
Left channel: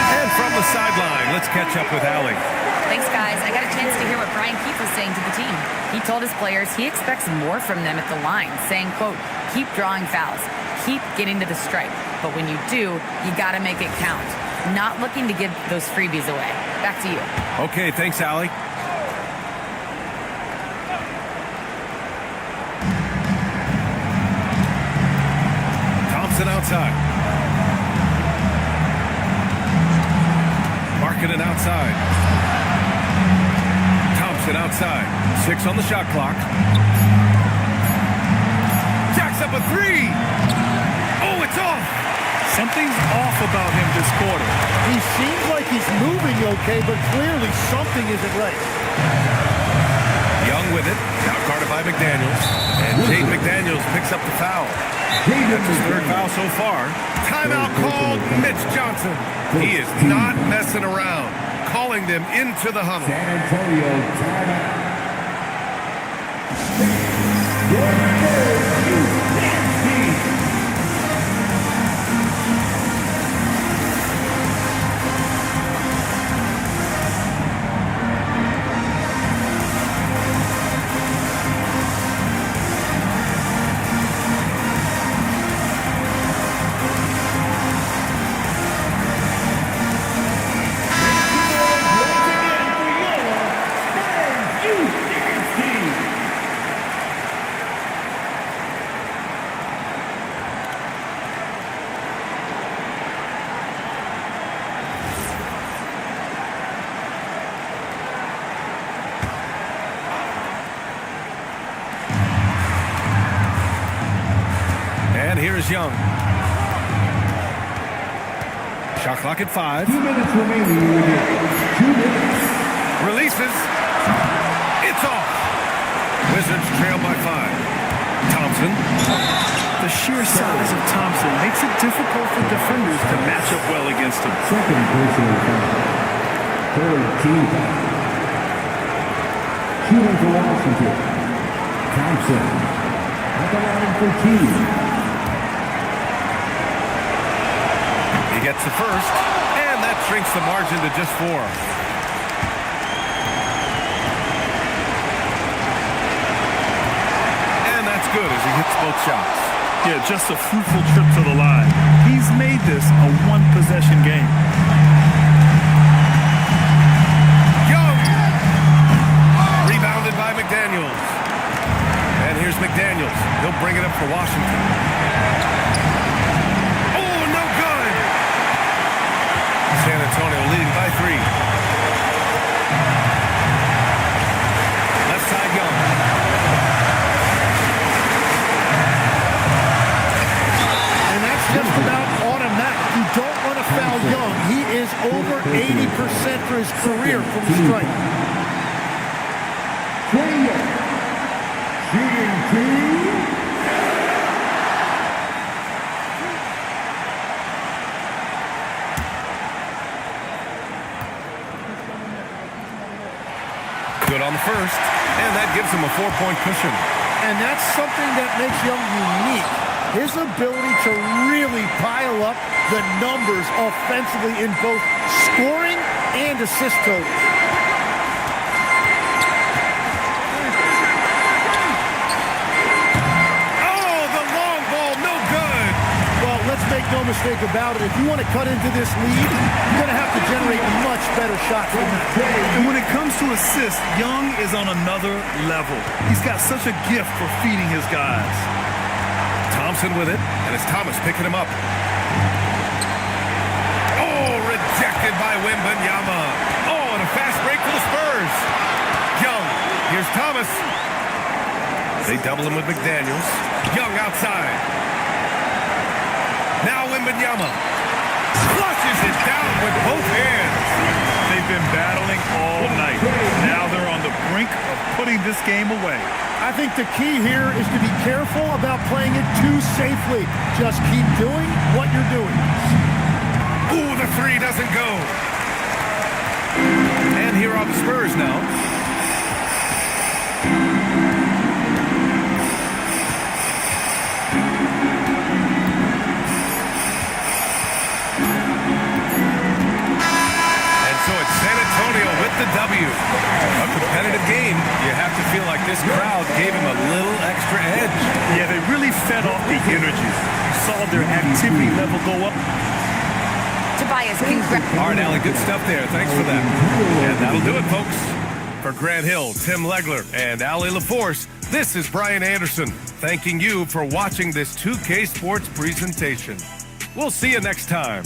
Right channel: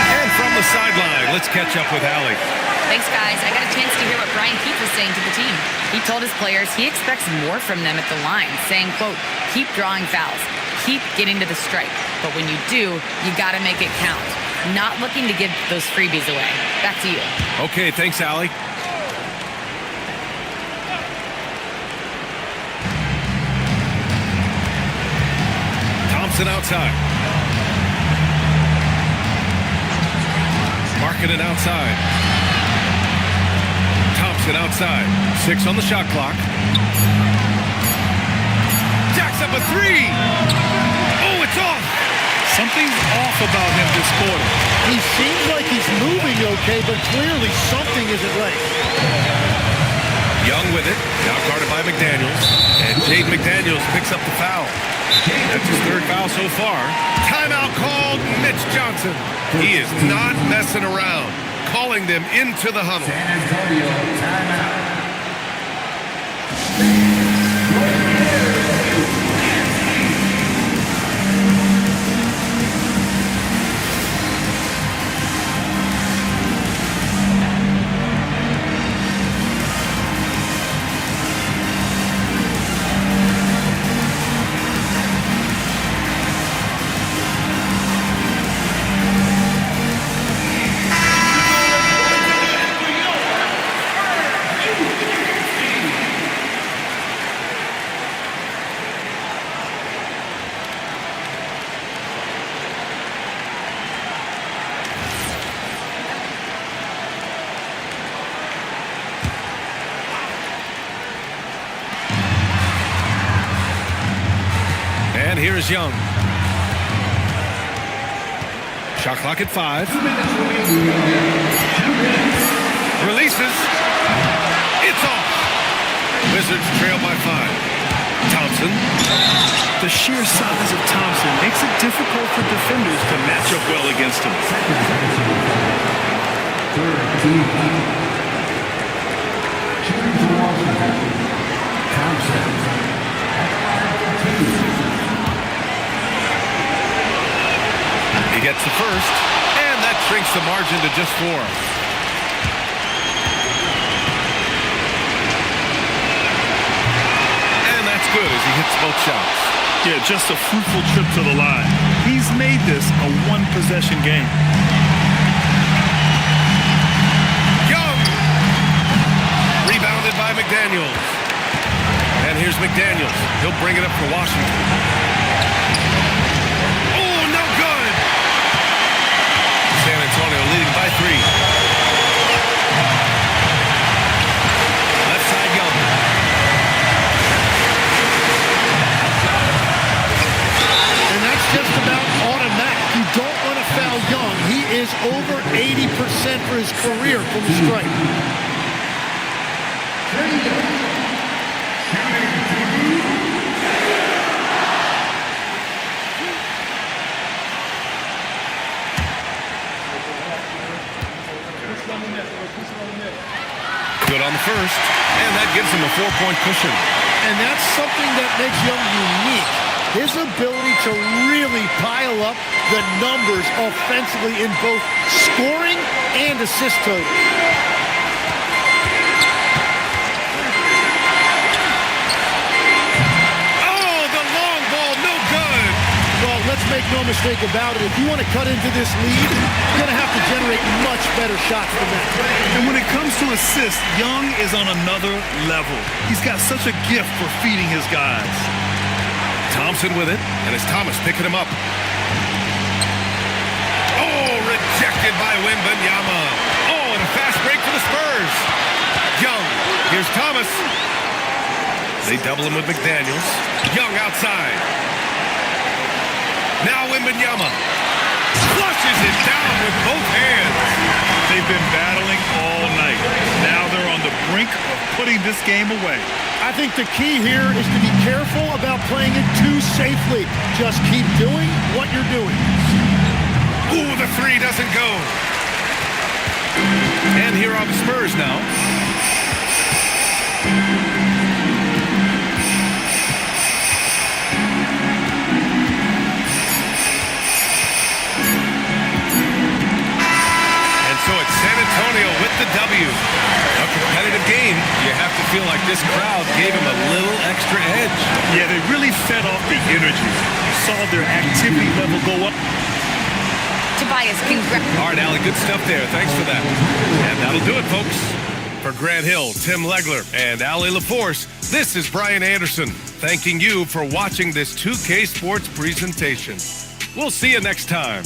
And from the sideline, let's catch up with Allie. Thanks, guys. I got a chance to hear what Brian Keefe was saying to the team. He told his players he expects more from them at the line, saying, quote, keep drawing fouls, keep getting to the stripe. But when you do, you got to make it count. Not looking to give those freebies away. Back to you. Okay, thanks, Allie. Thompson outside. Markkanen outside. Thompson outside. 6 on the shot clock. Jacks up a 3. Oh, it's off. Something's off about him this quarter. He seems like he's moving okay, but clearly something isn't right. Young with it. Now guarded by McDaniels. And Jaden McDaniels picks up the foul. That's his 3rd foul so far. Timeout called Mitch Johnson. He is not messing around. Calling them into the huddle. San Antonio timeout. And here's Young. Shot clock at 5. 2 minutes remaining in the game. 2 minutes. Releases. It's off. Wizards trail by 5. Thompson. The sheer size of Thompson makes it difficult for defenders to match up well against him. Second personal foul. 3rd team foul. Shooting to Washington. Thompson at the line for 2. He gets the first, and that shrinks the margin to just 4. And that's good as he hits both shots. Yeah, just a fruitful trip to the line. He's made this a one-possession game. Rebounded by McDaniels. And here's McDaniels. He'll bring it up for Washington. Oh, no good. San Antonio leading by 3. Left side, Young. And that's just about automatic. You don't want to foul Young. He is over 80% for his career from the stripe. Shooting 2. Good on the first, and that gives him a 4-point cushion. And that's something that makes Young unique. His ability to really pile up the numbers offensively in both scoring and assist totals. Oh, the long ball, no good. Well, let's make no mistake about it. If you want to cut into this lead, you're going to have to generate much better shots than that. And when it comes to assists, Young is on another level. He's got such a gift for feeding his guys. Thompson with it, and it's Thomas picking him up. Oh, rejected by Wembanyama. Oh, and a fast break for the Spurs. Young, here's Thomas. They double him with McDaniels. Young outside. Now Wembanyama flushes it down with both hands. They've been battling all night. Now they're on the brink of putting this game away. I think the key here is to be careful about playing it too safely. Just keep doing what you're doing. Ooh, the 3 doesn't go. And here are the Spurs now. So it's San Antonio with the W. A competitive game. You have to feel like this crowd gave him a little extra edge. Yeah, they really fed off the energy. You saw their activity level go up. Tobias, congrats. All right, Allie, good stuff there. Thanks for that. And that'll do it, folks. For Grant Hill, Tim Legler, and Allie LaForce, this is Brian Anderson, thanking you for watching this 2K Sports presentation. We'll see you next time.